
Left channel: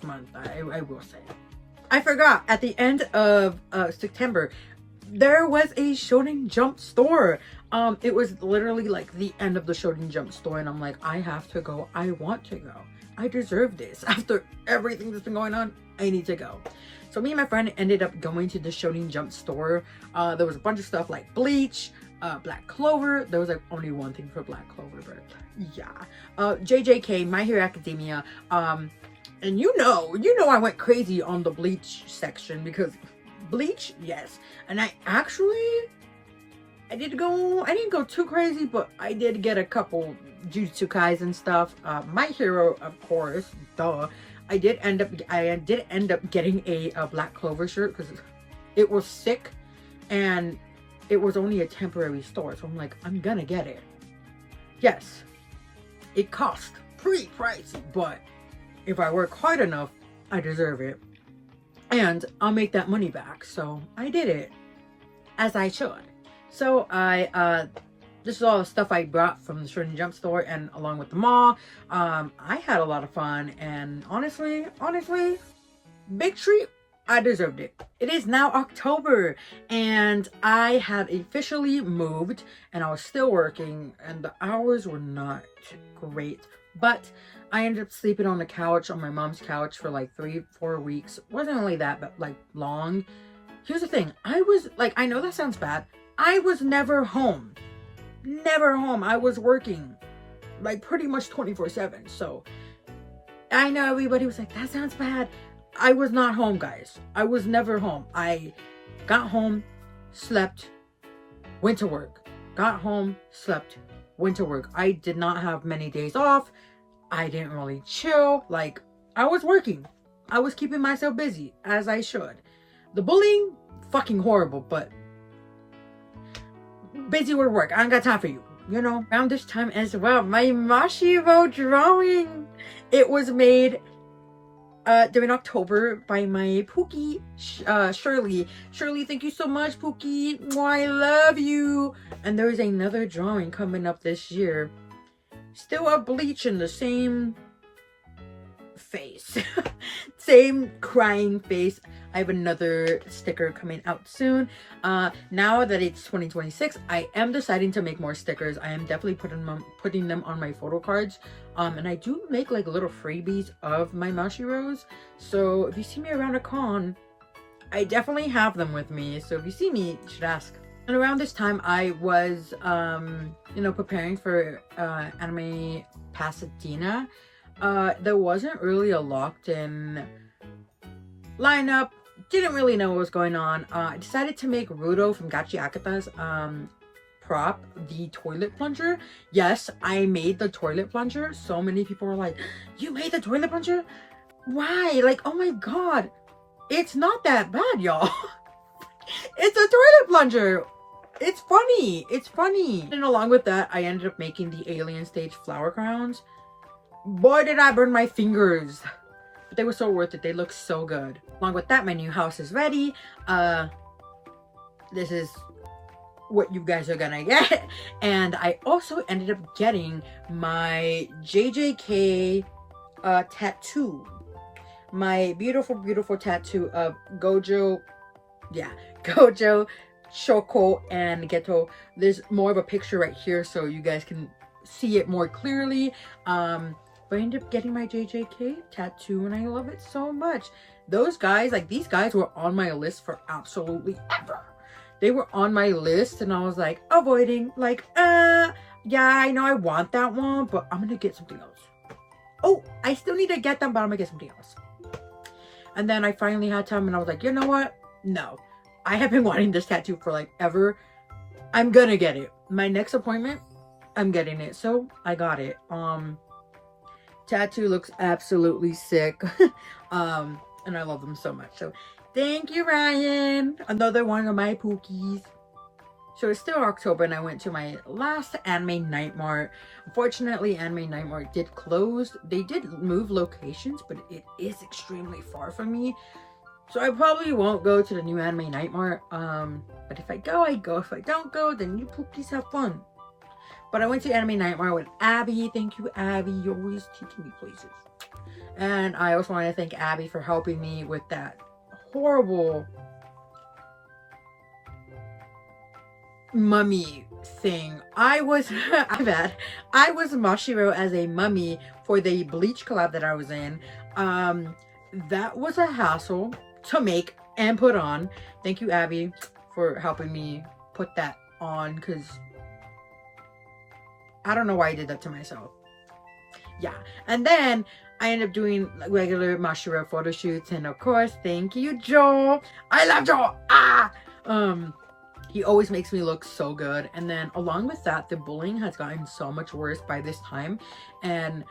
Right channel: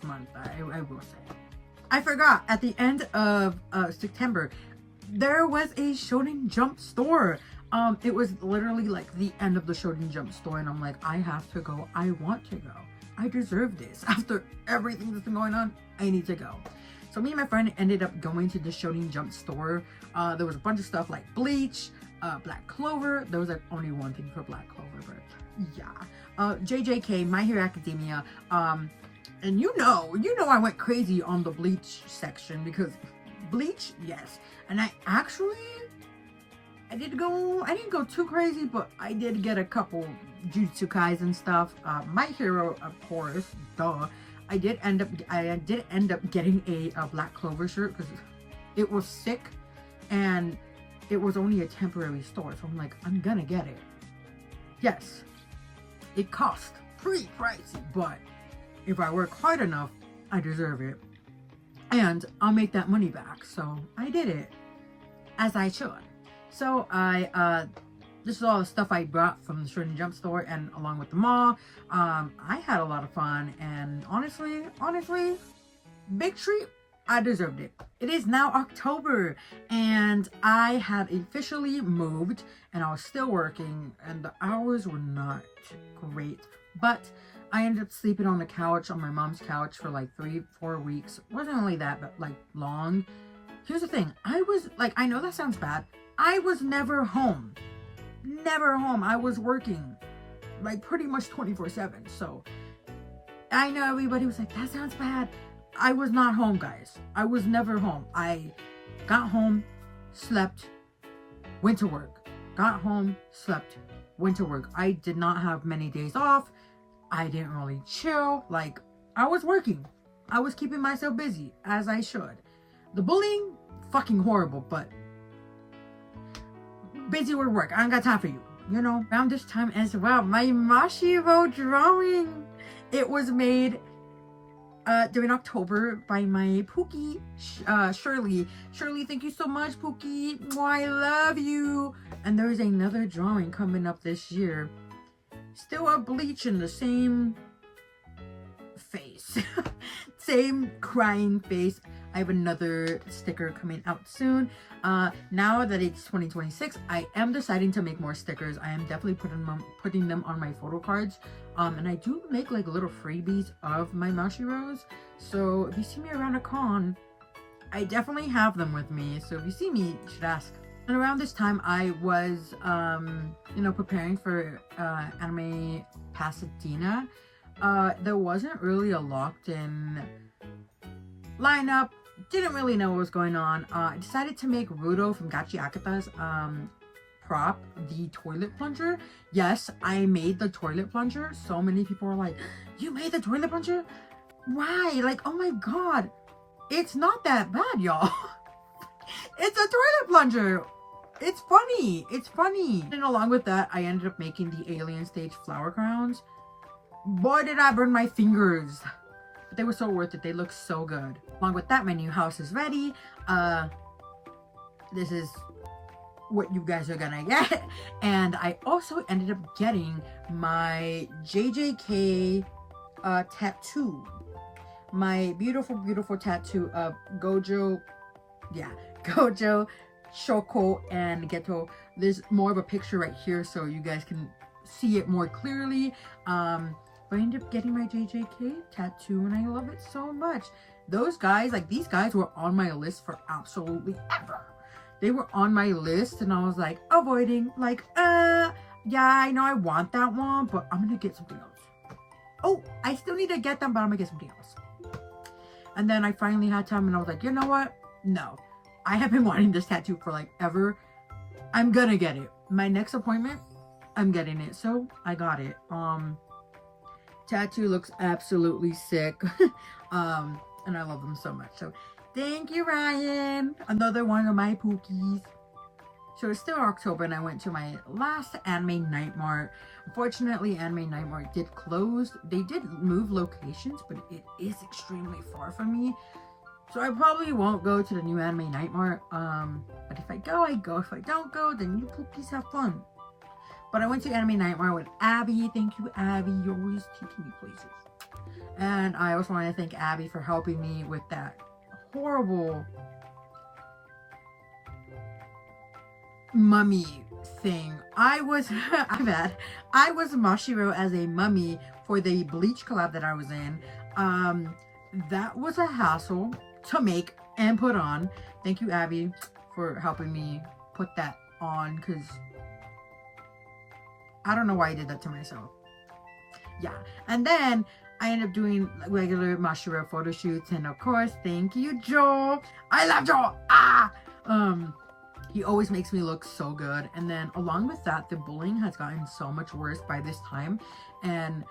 month, I will say. I forgot, at the end of September, there was a Shonen Jump store. It was literally like the end of the Shonen Jump store, and I'm like, I have to go. I want to go. I deserve this. After everything that's been going on, I need to go. So me and my friend ended up going to the Shonen Jump store. There was a bunch of stuff like Bleach, Black Clover. There was like only one thing for Black Clover, but yeah. JJK, My Hero Academia. And you know I went crazy on the Bleach section because Bleach, yes. And I didn't go too crazy, but I did get a couple Jujutsu Kaisen stuff. My Hero, of course, duh. I did end up getting a Black Clover shirt because it was sick and it was only a temporary store, so I'm like, I'm gonna get it. Yes, it cost pretty pricey, but if I work hard enough, I deserve it. And I'll make that money back. So I did it, as I should. So this is all the stuff I brought from the Shonen Jump store and along with the mall. I had a lot of fun, and honestly, big treat. I deserved it. It is now October, and I had officially moved, and I was still working, and the hours were not great, but I ended up sleeping on the couch, on my mom's couch for like 3-4 weeks. Wasn't really that, but like long. Here's the thing. I know that sounds bad. I was never home. Never home. I was working like pretty much 24/7. So I know everybody was like, that sounds bad. I was not home, guys. I was never home. I got home, slept, went to work. Got home, slept, went to work. I did not have many days off. I didn't really chill. Like, I was working. I was keeping myself busy, as I should. The bullying, fucking horrible, but busy with work. I ain't got time for you. You know, around this time as well, my Mashiro drawing. It was made during October by my Pookie, Shirley. Shirley, thank you so much, Pookie. I love you. And there's another drawing coming up this year. Still a Bleach in the same face. Same crying face. I have another sticker coming out soon. Now that it's 2026, I am deciding to make more stickers. I am definitely putting them on my photo cards. And I do make like little freebies of my Mashiros. So if you see me around a con, I definitely have them with me. So if you see me, you should ask. And around this time, I was, preparing for Anime Pasadena. There wasn't really a locked-in lineup, didn't really know what was going on. I decided to make Rudo from Gachi Akata's prop the toilet plunger. Yes, I made the toilet plunger. So many people were like, you made the toilet plunger? Why? Like, oh my god. It's not that bad, y'all. It's a toilet plunger. It's funny. It's funny. And along with that, I ended up making the alien stage flower crowns. Boy, did I burn my fingers. But they were so worth it. They look so good. Along with that, my new house is ready. This is what you guys are gonna get. And I also ended up getting my JJK tattoo. My beautiful, beautiful tattoo of Gojo, Gojo, Shoko, and Geto. There's more of a picture right here so you guys can see it more clearly. But I ended up getting my JJK tattoo and I love it so much. Those guys, like these guys were on my list for absolutely ever. They were on my list and I was like avoiding, like, yeah, I know I want that one, but I'm gonna get something else. Oh, I still need to get them, but I'm gonna get something else. And then I finally had time and I was like, you know what? No. I have been wanting this tattoo for like ever. I'm gonna get it. My next appointment, I'm getting it. So I got it. Tattoo looks absolutely sick. And I love them so much. So thank you, Ryan. Another one of my pookies. So it's still October and I went to my last Anime Night Mart. Unfortunately, Anime Night Mart did close. They did move locations, but it is extremely far from me. So I probably won't go to the new Anime Night Mart. But if I go, I go. If I don't go, then you pookies have fun. But I went to Anime Night Mart with Abby. Thank you, Abby. You're always taking me places. And I also want to thank Abby for helping me with that horrible mummy thing. I was I was Mashiro as a mummy for the Bleach collab that I was in. That was a hassle to make and put on. Thank you, Abby, for helping me put that on, because I don't know why I did that to myself. Yeah. And then I ended up doing regular Mashiro photo shoots, and of course, thank you, Joel. I love Joel. He always makes me look so good. And then along with that, the bullying has gotten so much worse by this time. And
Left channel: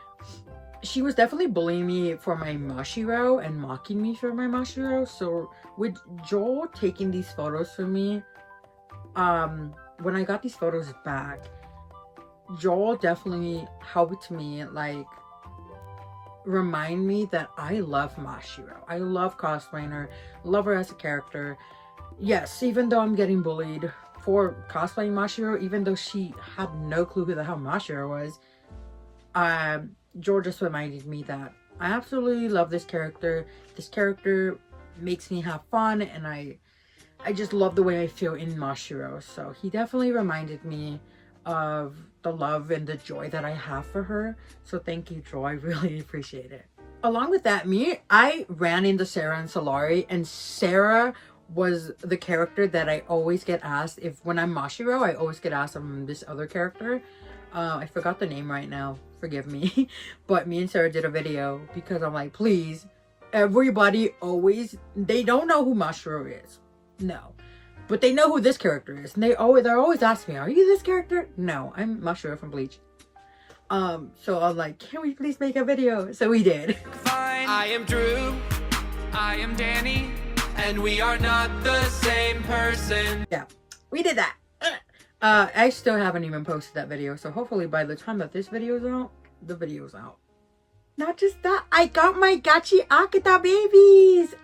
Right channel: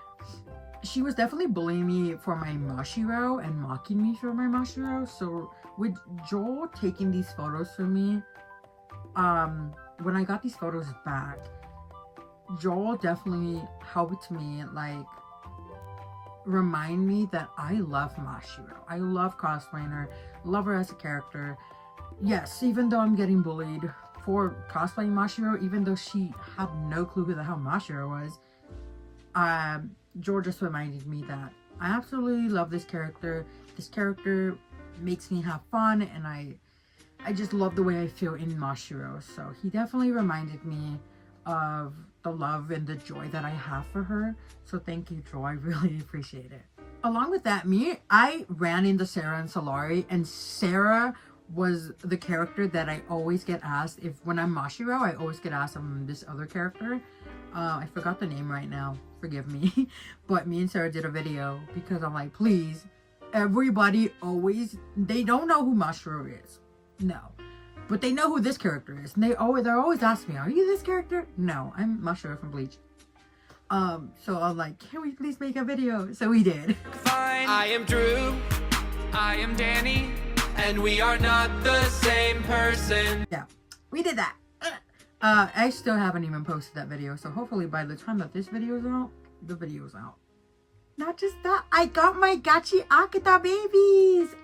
she was definitely bullying me for my Mashiro and mocking me for my Mashiro. So with Joel taking these photos from me, when I got these photos back, Joel definitely helped me, like, remind me that I love Mashiro. I love cosplaying her, love her as a character. Yes, even though I'm getting bullied for cosplaying Mashiro, even though she had no clue who the hell Mashiro was, Joel just reminded me that I absolutely love this character. This character makes me have fun, and I just love the way I feel in Mashiro. So he definitely reminded me of the love and the joy that I have for her. So thank you, Joel. I really appreciate it. Along with that, I ran into Sarah and Solari, and Sarah was the character that I always get asked if, when I'm Mashiro, I always get asked this other character. I forgot the name right now, forgive me. But me and Sarah did a video because I'm like, please, everybody always, they don't know who Mashiro is. No. But they know who this character is. And they're always asking me, are you this character? No, I'm Mashiro from Bleach. So I'm like, can we please make a video? So we did. Fine. I am Drew. I am Danny. And we are not the same person. Yeah, we did that. I still haven't even posted that video. So hopefully by the time that this video is out, the video's out. Not just that, I got my Gachi Akata babies.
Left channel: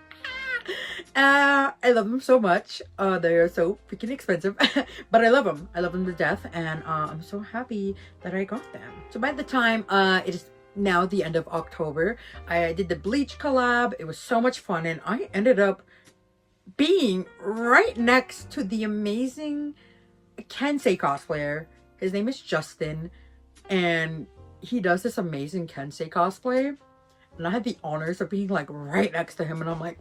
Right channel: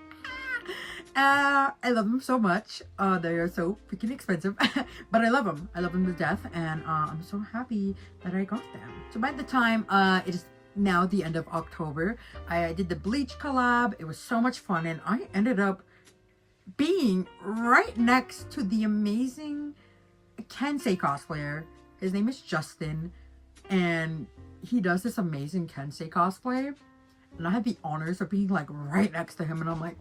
I love them so much. They are so freaking expensive, but I love them. I love them to death, and I'm so happy that I got them. So by the time it is now the end of October, I did the Bleach collab. It was so much fun, and I ended up being right next to the amazing Kensei cosplayer. His name is Justin, and he does this amazing Kensei cosplay, and I had the honors of being like right next to him, and I'm like,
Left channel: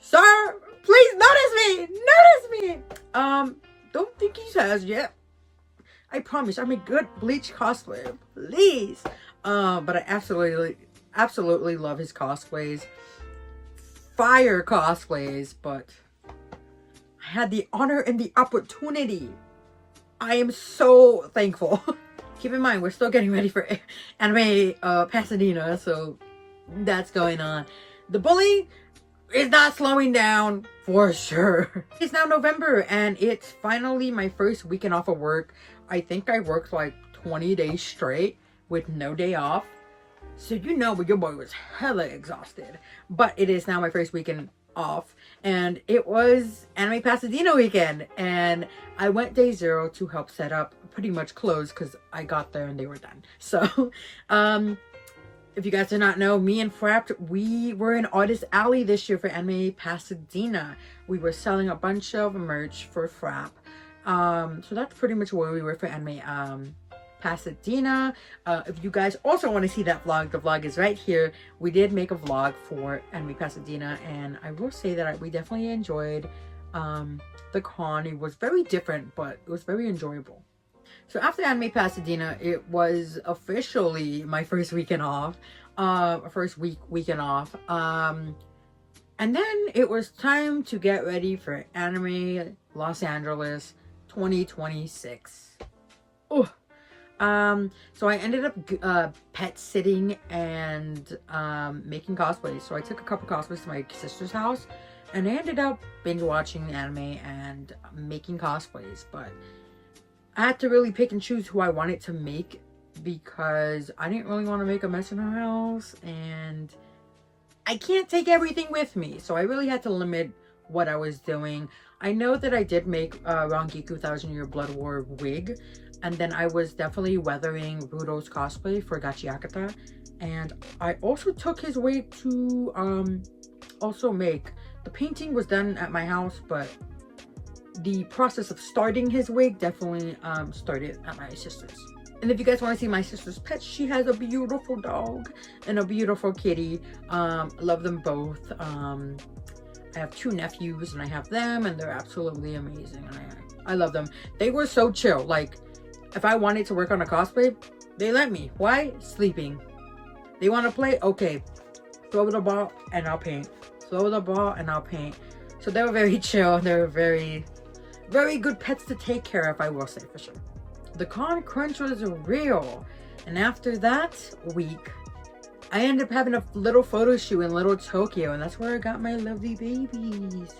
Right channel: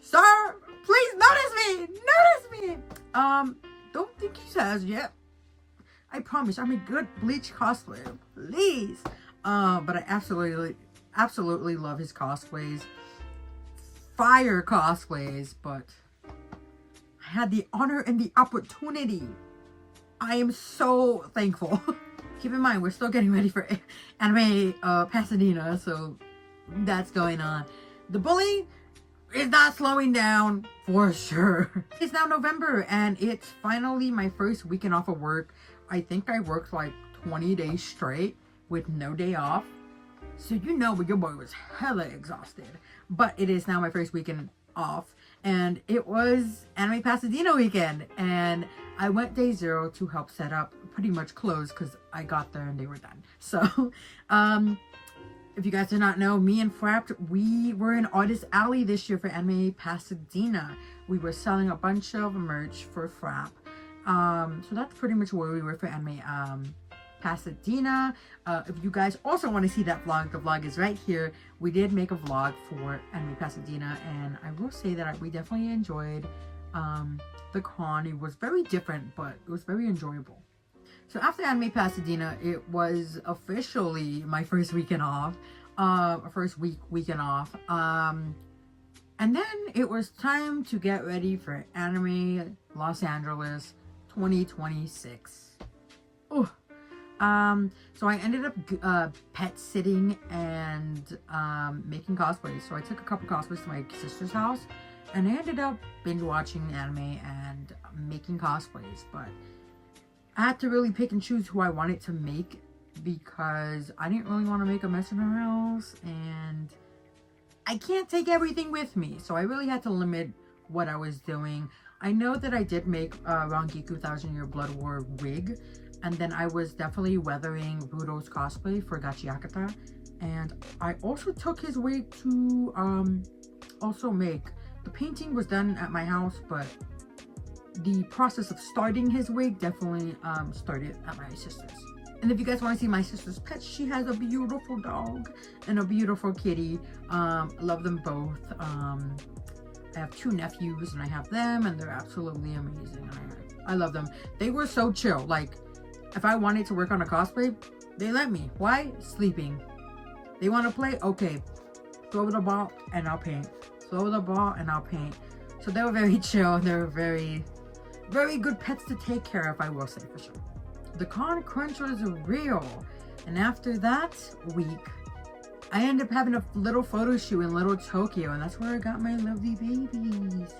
sir, please notice me. Don't think he has yet. I promise I'm a good Bleach cosplayer, please. But I absolutely love his cosplays. fire cosplays, but I had the honor and the opportunity. I am so thankful. Keep in mind, we're still getting ready for Anime Pasadena, so that's going on. The bully is not slowing down for sure. It's now November and it's finally my first weekend off of work. I think I worked like 20 days straight with no day off. So you know your boy was hella exhausted. But it is now my first weekend off. And it was Anime Pasadena weekend. And I went day 0 to help set up, pretty much close because I got there and they were done. So, if you guys do not know, me and Frapped, we were in Artist Alley this year for Anime Pasadena. We were selling a bunch of merch for Frapp. So that's pretty much where we were for Anime Pasadena. If you guys also want to see that vlog, the vlog is right here. We did make a vlog for Anime Pasadena, and I will say that we definitely enjoyed the con. It was very different, but it was very enjoyable. So after Anime Pasadena, it was officially my first weekend off, weekend off. And then it was time to get ready for Anime Los Angeles 2026. Oh, so I ended up pet sitting and making cosplays. So I took a couple cosplays to my sister's house, and I ended up binge watching anime and making cosplays. But I had to really pick and choose who I wanted to make because I didn't really want to make a mess in her house, and I can't take everything with me. So I really had to limit what I was doing. I know that I did make Rangiku 1000-Year Blood War wig, and then I was definitely weathering Rudo's cosplay for Gachiakata, and I also took his wig to also make. The painting was done at my house, but the process of starting his wig definitely started at my sister's. And if you guys want to see my sister's pets, she has a beautiful dog and a beautiful kitty. Love them both. I have 2 nephews and I have them, and they're absolutely amazing. I love them. They were so chill. Like, if I wanted to work on a cosplay, they let me. Why? Sleeping. They want to play? Okay. Throw the ball and I'll paint. Throw the ball and I'll paint. So they were very chill. They were very, very good pets to take care of, I will say for sure. The con crunch was real. And after that week, I ended up having a little photo shoot in Little Tokyo, and that's where I got my lovely babies.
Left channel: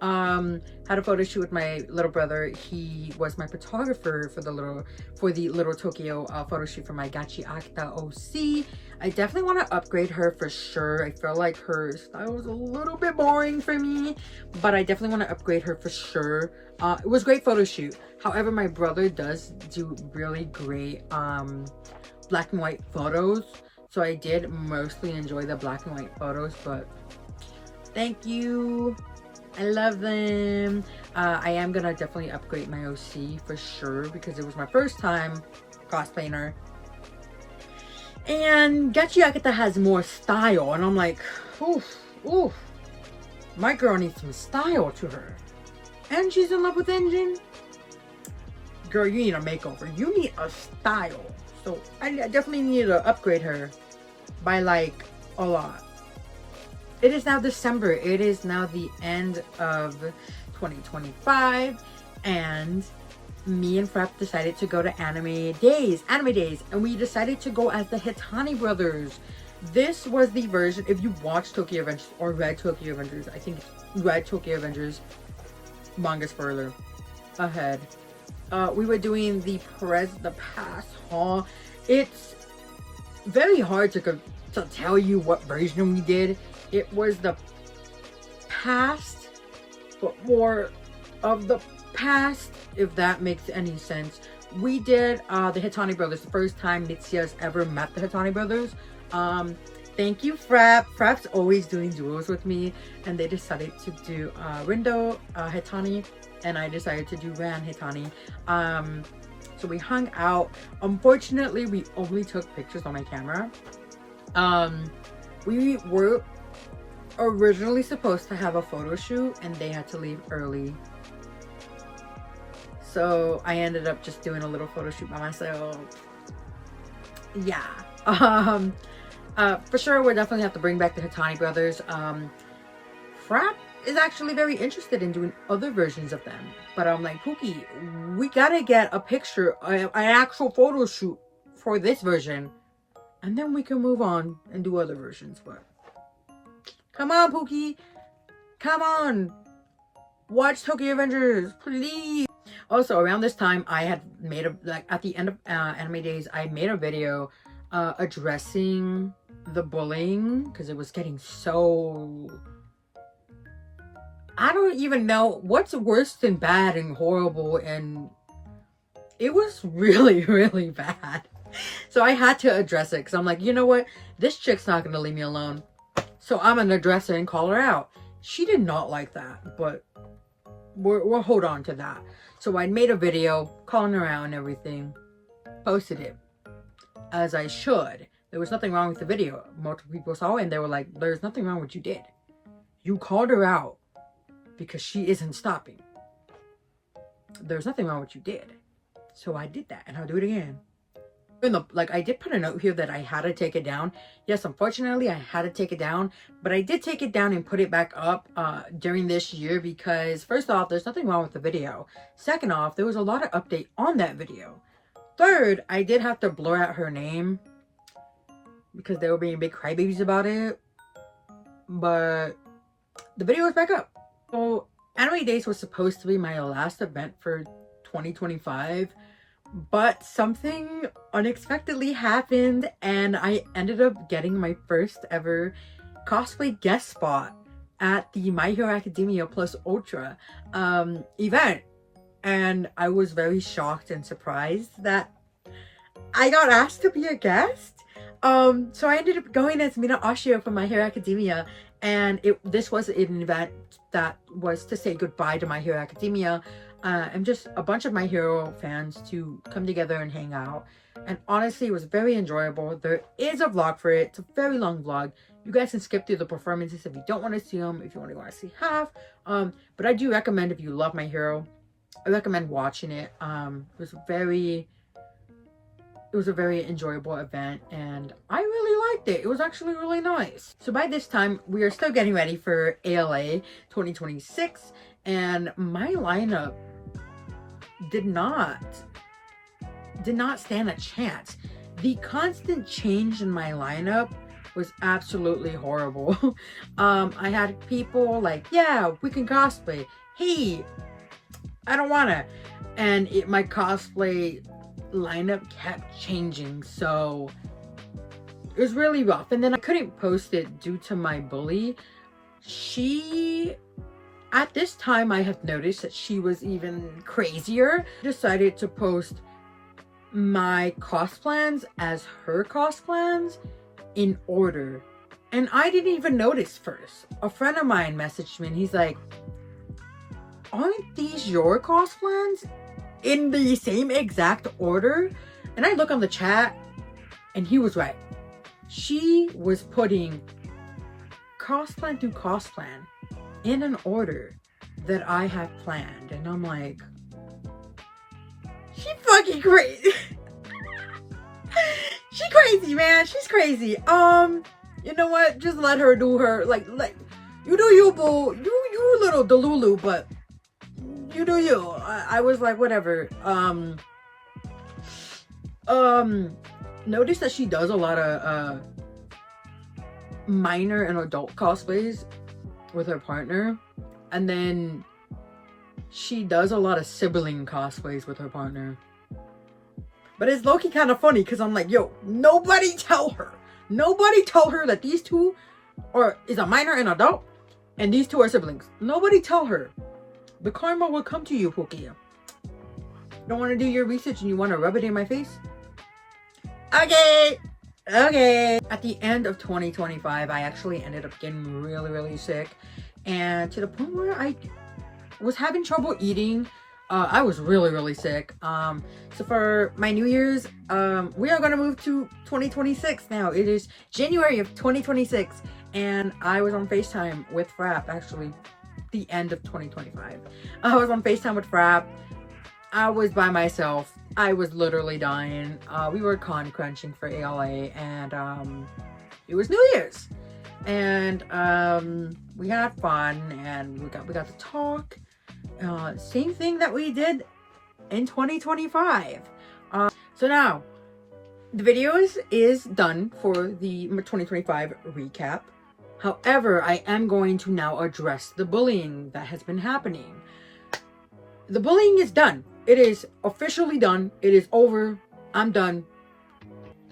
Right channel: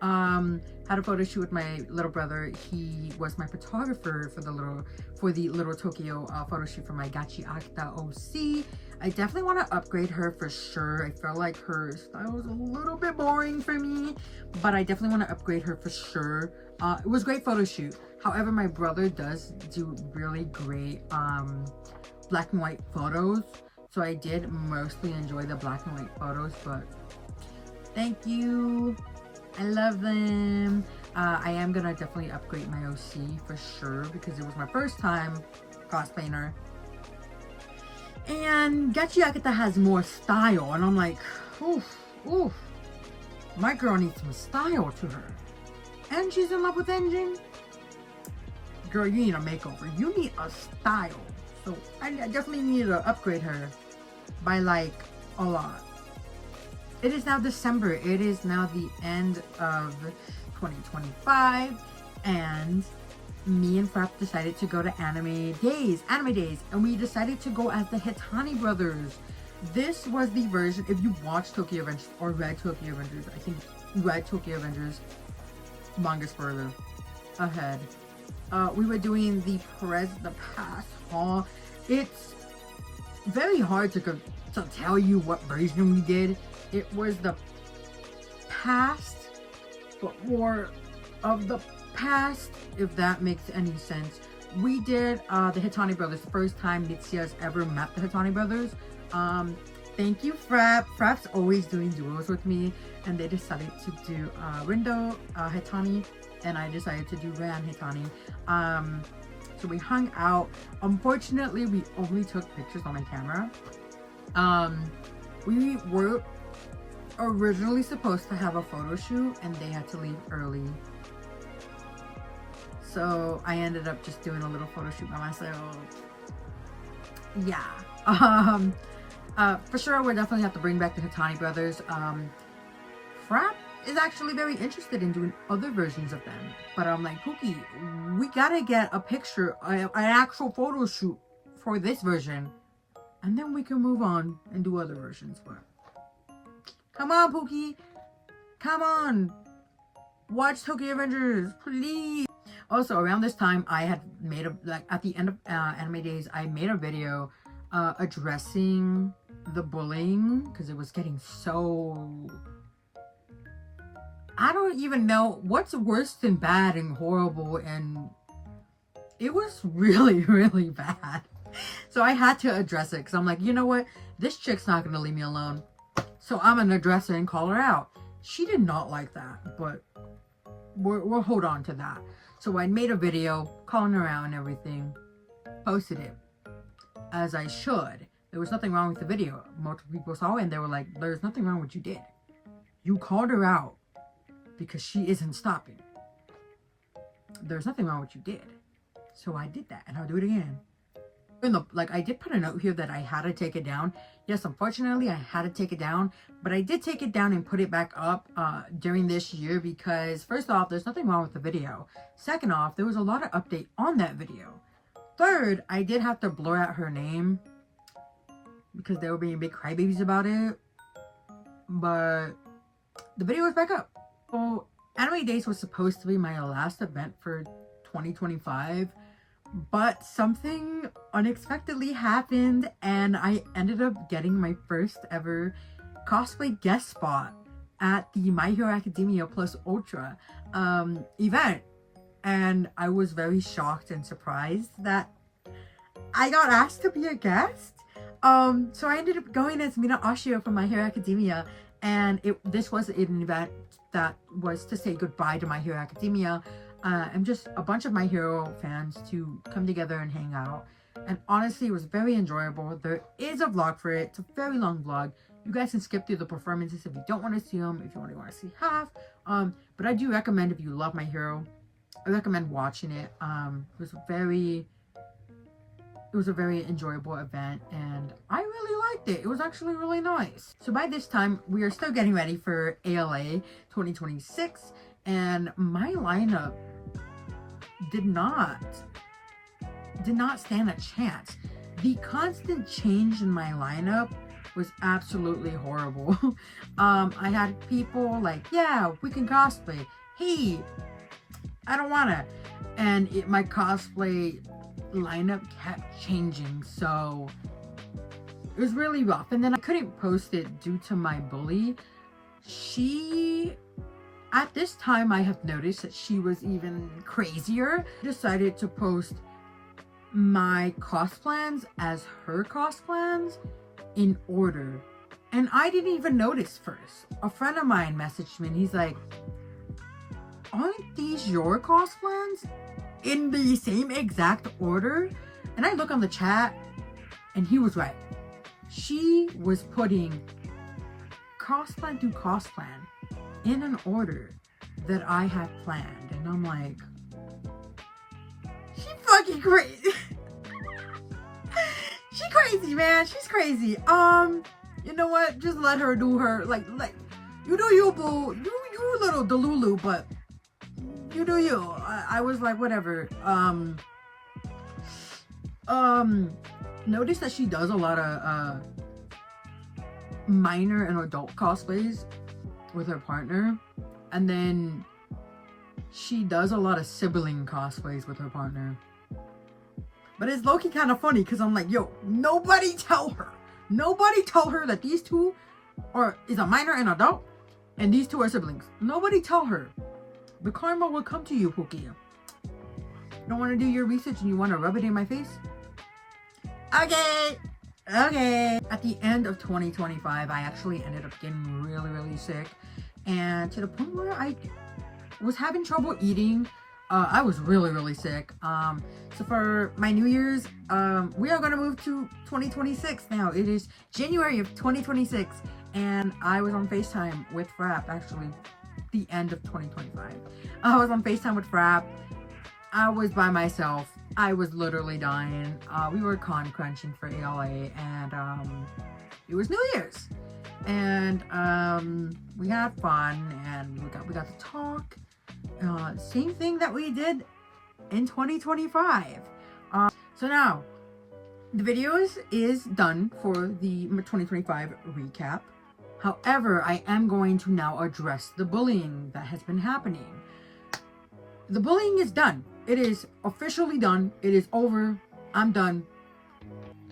Had a photo shoot with my little brother. He was my photographer for the Little Tokyo photo shoot for my Gachi Akita OC. I definitely want to upgrade her for sure. I feel like her style was a little bit boring for me, but I definitely want to upgrade her for sure. It was a great photo shoot. However, my brother does do really great black and white photos, so I did mostly enjoy the black and white photos, but thank you. I love them. I am gonna definitely upgrade my OC for sure because it was my first time cosplaying her. And Gachi Akita has more style, and I'm like, oof, my girl needs some style to her. And she's in love with Engine. Girl, you need a makeover. You need a style. So I definitely need to upgrade her by like a lot. It is now December. It is now the end of 2025, and me and Frapp decided to go to anime days, and we decided to go as the Hitani brothers. This was the version, if you watched Tokyo Avengers or read Tokyo Avengers, I think read Tokyo Avengers manga's further ahead. We were doing the past haul. It's very hard to tell you what version we did. It was the past, but more of the past, if that makes any sense. We did the Hitani brothers, the first time Mitsuya's ever met the Hitani brothers. Thank you, Frapp. Frapp's always doing duos with me, and they decided to do Rindo Hitani, and I decided to do Ran Hitani. So we hung out. Unfortunately, we only took pictures on my camera. We were originally supposed to have a photo shoot, and they had to leave early. So I ended up just doing a little photo shoot by myself. Yeah. For sure, we'll definitely have to bring back the Hitani brothers. Frap is actually very interested in doing other versions of them. But I'm like, Pookie, we gotta get a picture, an actual photo shoot for this version. And then we can move on and do other versions. But come on, Pookie. Come on. Watch Tokyo Avengers, please. Also, around this time, I had made at the end of Anime Days, I made a video addressing the bullying because it was getting so... I don't even know what's worse than bad and horrible, and it was really, really bad. So I had to address it because I'm like, you know what? This chick's not going to leave me alone. So I'm going to address it and call her out. She did not like that, but we'll hold on to that. So I made a video calling her out and everything, posted it, as I should. There was nothing wrong with the video. Multiple people saw it and they were like, there's nothing wrong with what you did. You called her out because she isn't stopping. There's nothing wrong with what you did. So I did that and I'll do it again. I did put a note here that I had to take it down. Yes, unfortunately, I had to take it down. But I did take it down and put it back up during this year because, first off, there's nothing wrong with the video. Second off, there was a lot of update on that video. Third, I did have to blur out her name because they were being big crybabies about it. But the video was back up. So, Anime Days was supposed to be my last event for 2025. But something unexpectedly happened and I ended up getting my first ever cosplay guest spot at the My Hero Academia Plus Ultra event. And I was very shocked and surprised that I got asked to be a guest. So I ended up going as Mina Ashio from My Hero Academia, and this was an event that was to say goodbye to My Hero Academia. And just a bunch of My Hero fans to come together and hang out. And honestly, it was very enjoyable. There is a vlog for it. It's a very long vlog. You guys can skip through the performances if you don't want to see them, if you only want to see half. But I do recommend, if you love My Hero, I recommend watching it. It was a very enjoyable event and I really liked it. It was actually really nice. So by this time, we are still getting ready for ALA 2026 and my lineup did not stand a chance. The constant change in my lineup was absolutely horrible. I had people like, yeah, we can cosplay. Hey, I don't wanna. And my cosplay lineup kept changing, so it was really rough. And then I couldn't post it due to my bully. At this time, I have noticed that she was even crazier. I decided to post my cost plans as her cost plans in order. And I didn't even notice first. A friend of mine messaged me and he's like, aren't these your cost plans in the same exact order? And I look on the chat and he was right. She was putting cost plan to cost plan in an order that I had planned. And I'm like, she fucking crazy. She crazy, man. She's crazy. You know what? Just let her do her. Like you do you, boo. You little delulu, but you do you. I was like, whatever. Notice that she does a lot of minor and adult cosplays with her partner, and then she does a lot of sibling cosplays with her partner. But it's low-key kind of funny because I'm like, yo, nobody tell her that these two is a minor and adult and these two are siblings. Nobody tell her. The karma will come to you, Pookie. Don't want to do your research and you want to rub it in my face? Okay. At the end of 2025, I actually ended up getting really, really sick. And to the point where I was having trouble eating. I was really, really sick. So for my New Year's, we are going to move to 2026 now. It is January of 2026. And I was on FaceTime with Frap, actually, the end of 2025. I was on FaceTime with Frap. I was by myself. I was literally dying. We were con crunching for ALA, and it was New Year's, and we had fun, and we got to talk. Same thing that we did in 2025. So now the video is done for the 2025 recap. However, I am going to now address the bullying that has been happening. The bullying is done. It is officially done. It is over. I'm done.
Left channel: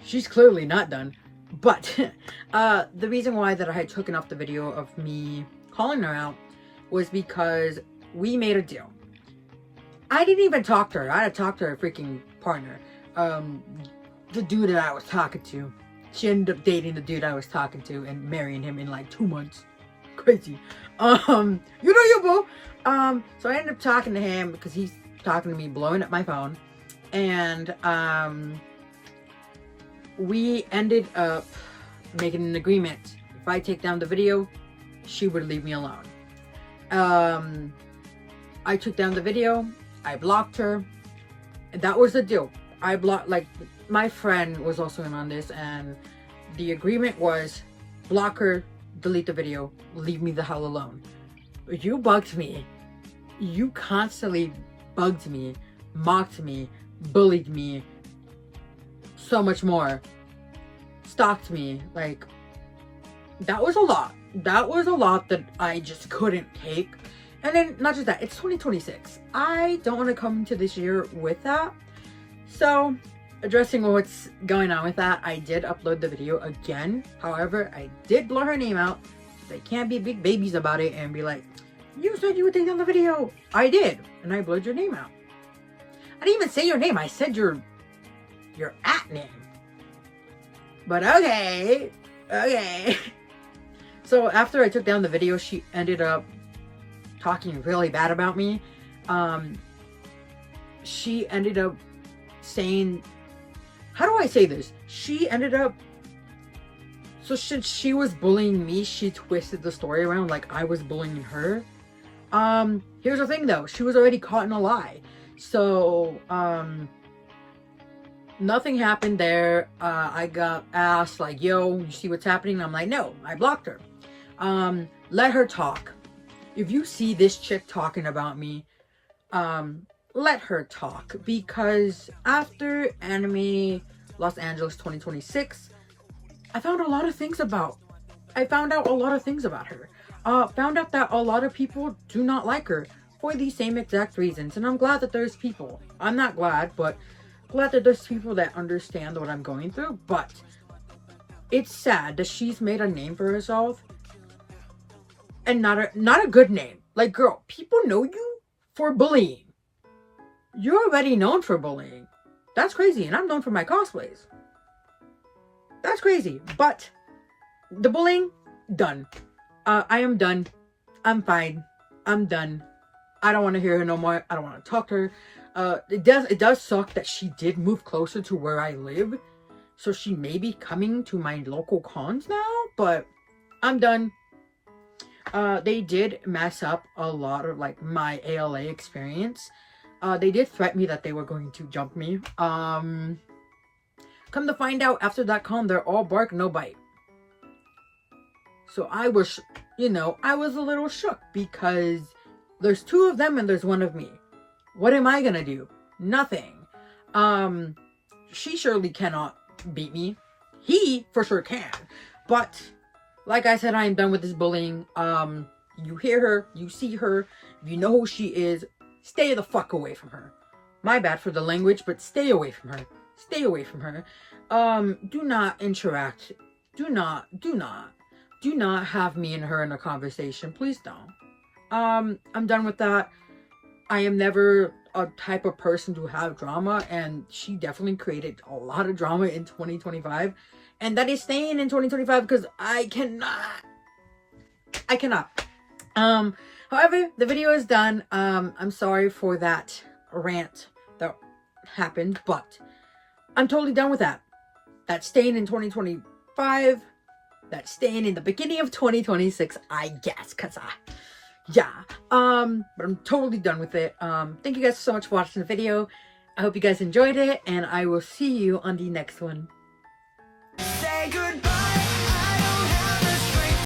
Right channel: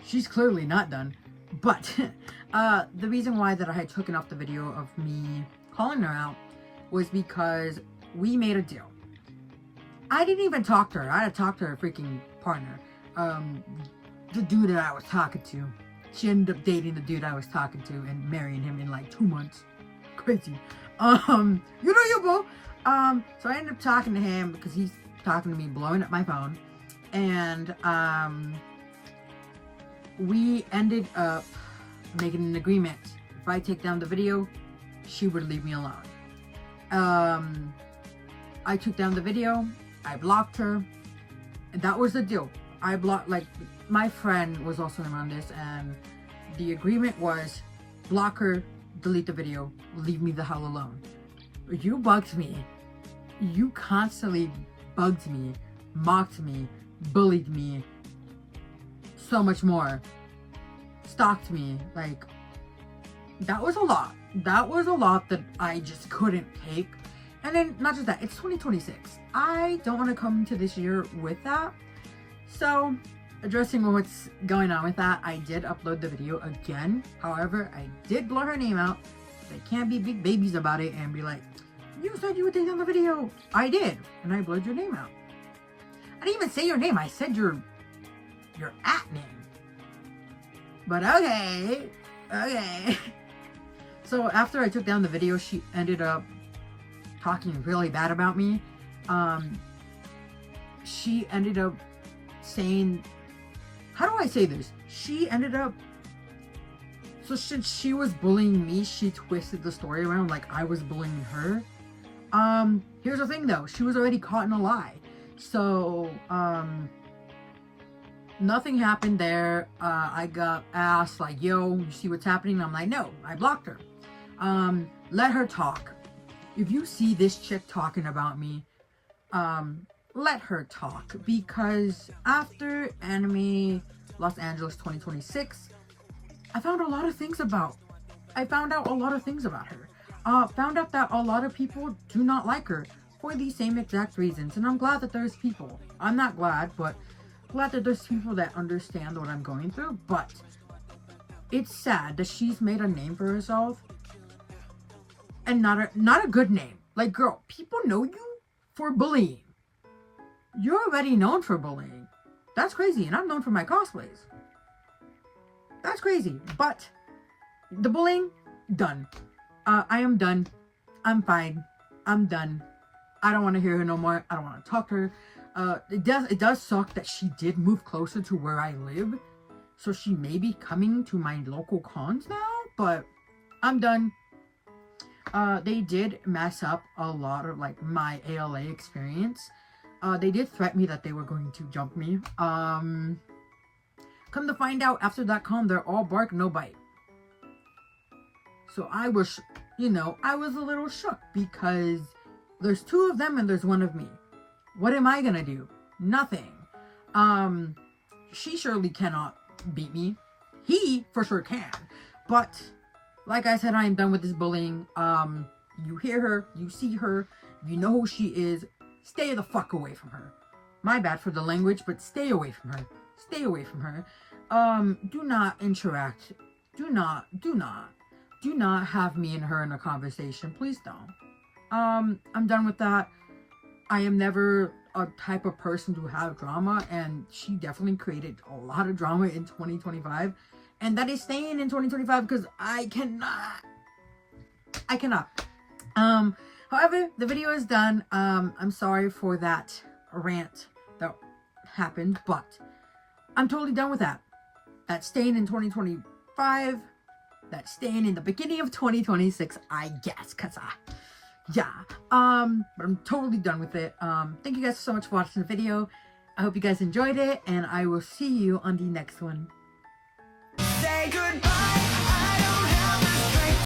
She's clearly not done. But the reason why that I had taken off the video of me calling her out was because we made a deal. I didn't even talk to her. I had to talk to her freaking partner. The dude that I was talking to. She ended up dating the dude I was talking to and marrying him in like 2 months. Crazy. You know you, boo. So I ended up talking to him because he's talking to me, blowing up my phone. And we ended up making an agreement. If I take down the video, she would leave me alone. I took down the video. I blocked her. And that was the deal. I blocked, like, my friend was also in on this, and the agreement was block her, delete the video, leave me the hell alone. You bugged me. You constantly bugged me, mocked me, bullied me, so much more. Stalked me. Like, that was a lot. That was a lot that I just couldn't take. And then, not just that, it's 2026. I don't want to come into this year with that. So, addressing what's going on with that, I did upload the video again. However, I did blur her name out. They can't be big babies about it and be like, you said you would take down the video. I did, and I blurred your name out. I didn't even say your name. I said your at name. But okay. So after I took down the video, she ended up talking really bad about me. She ended up saying, how do I say this? She ended up, so since she was bullying me, she twisted the story around like I was bullying her. Here's the thing though, she was already caught in a lie. So, nothing happened there. I got asked like, yo, you see what's happening? I'm like, no, I blocked her. Let her talk. If you see this chick talking about me, let her talk, because after Anime Los Angeles 2026, I found a lot of things about her. Found out that a lot of people do not like her for the same exact reasons, and I'm glad that there's people. I'm not glad, but glad that there's people that understand what I'm going through. But it's sad that she's made a name for herself, and not a good name. Like, girl, people know you for bullying. You're already known for bullying. That's crazy, and I'm known for my cosplays. That's crazy, but the bullying, done. I am done. I'm fine. I'm done. I don't want to hear her no more. I don't want to talk to her. It does suck that she did move closer to where I live, so she may be coming to my local cons now, but I'm done. They did mess up a lot of like my ALA experience. They did threaten me that they were going to jump me. Come to find out, after that con, they're all bark, no bite. So I was, I was a little shook because there's 2 of them and there's 1 of me. What am I gonna do? Nothing. She surely cannot beat me. He for sure can. But like I said, I am done with this bullying. You hear her, you see her, you know who she is. Stay the fuck away from her. My bad for the language, but stay away from her. Stay away from her. Do not interact. Do not have me and her in a conversation. Please don't. I'm done with that. I am never a type of person to have drama, and she definitely created a lot of drama in 2025, and that is staying in 2025 because I cannot. However, the video is done. I'm sorry for that rant that happened, but I'm totally done with that. That's staying in 2025. That's staying in the beginning of 2026, I guess, but I'm totally done with it. Thank you guys so much for watching the video. I hope you guys enjoyed it, and I will see you on the next one. Say goodbye.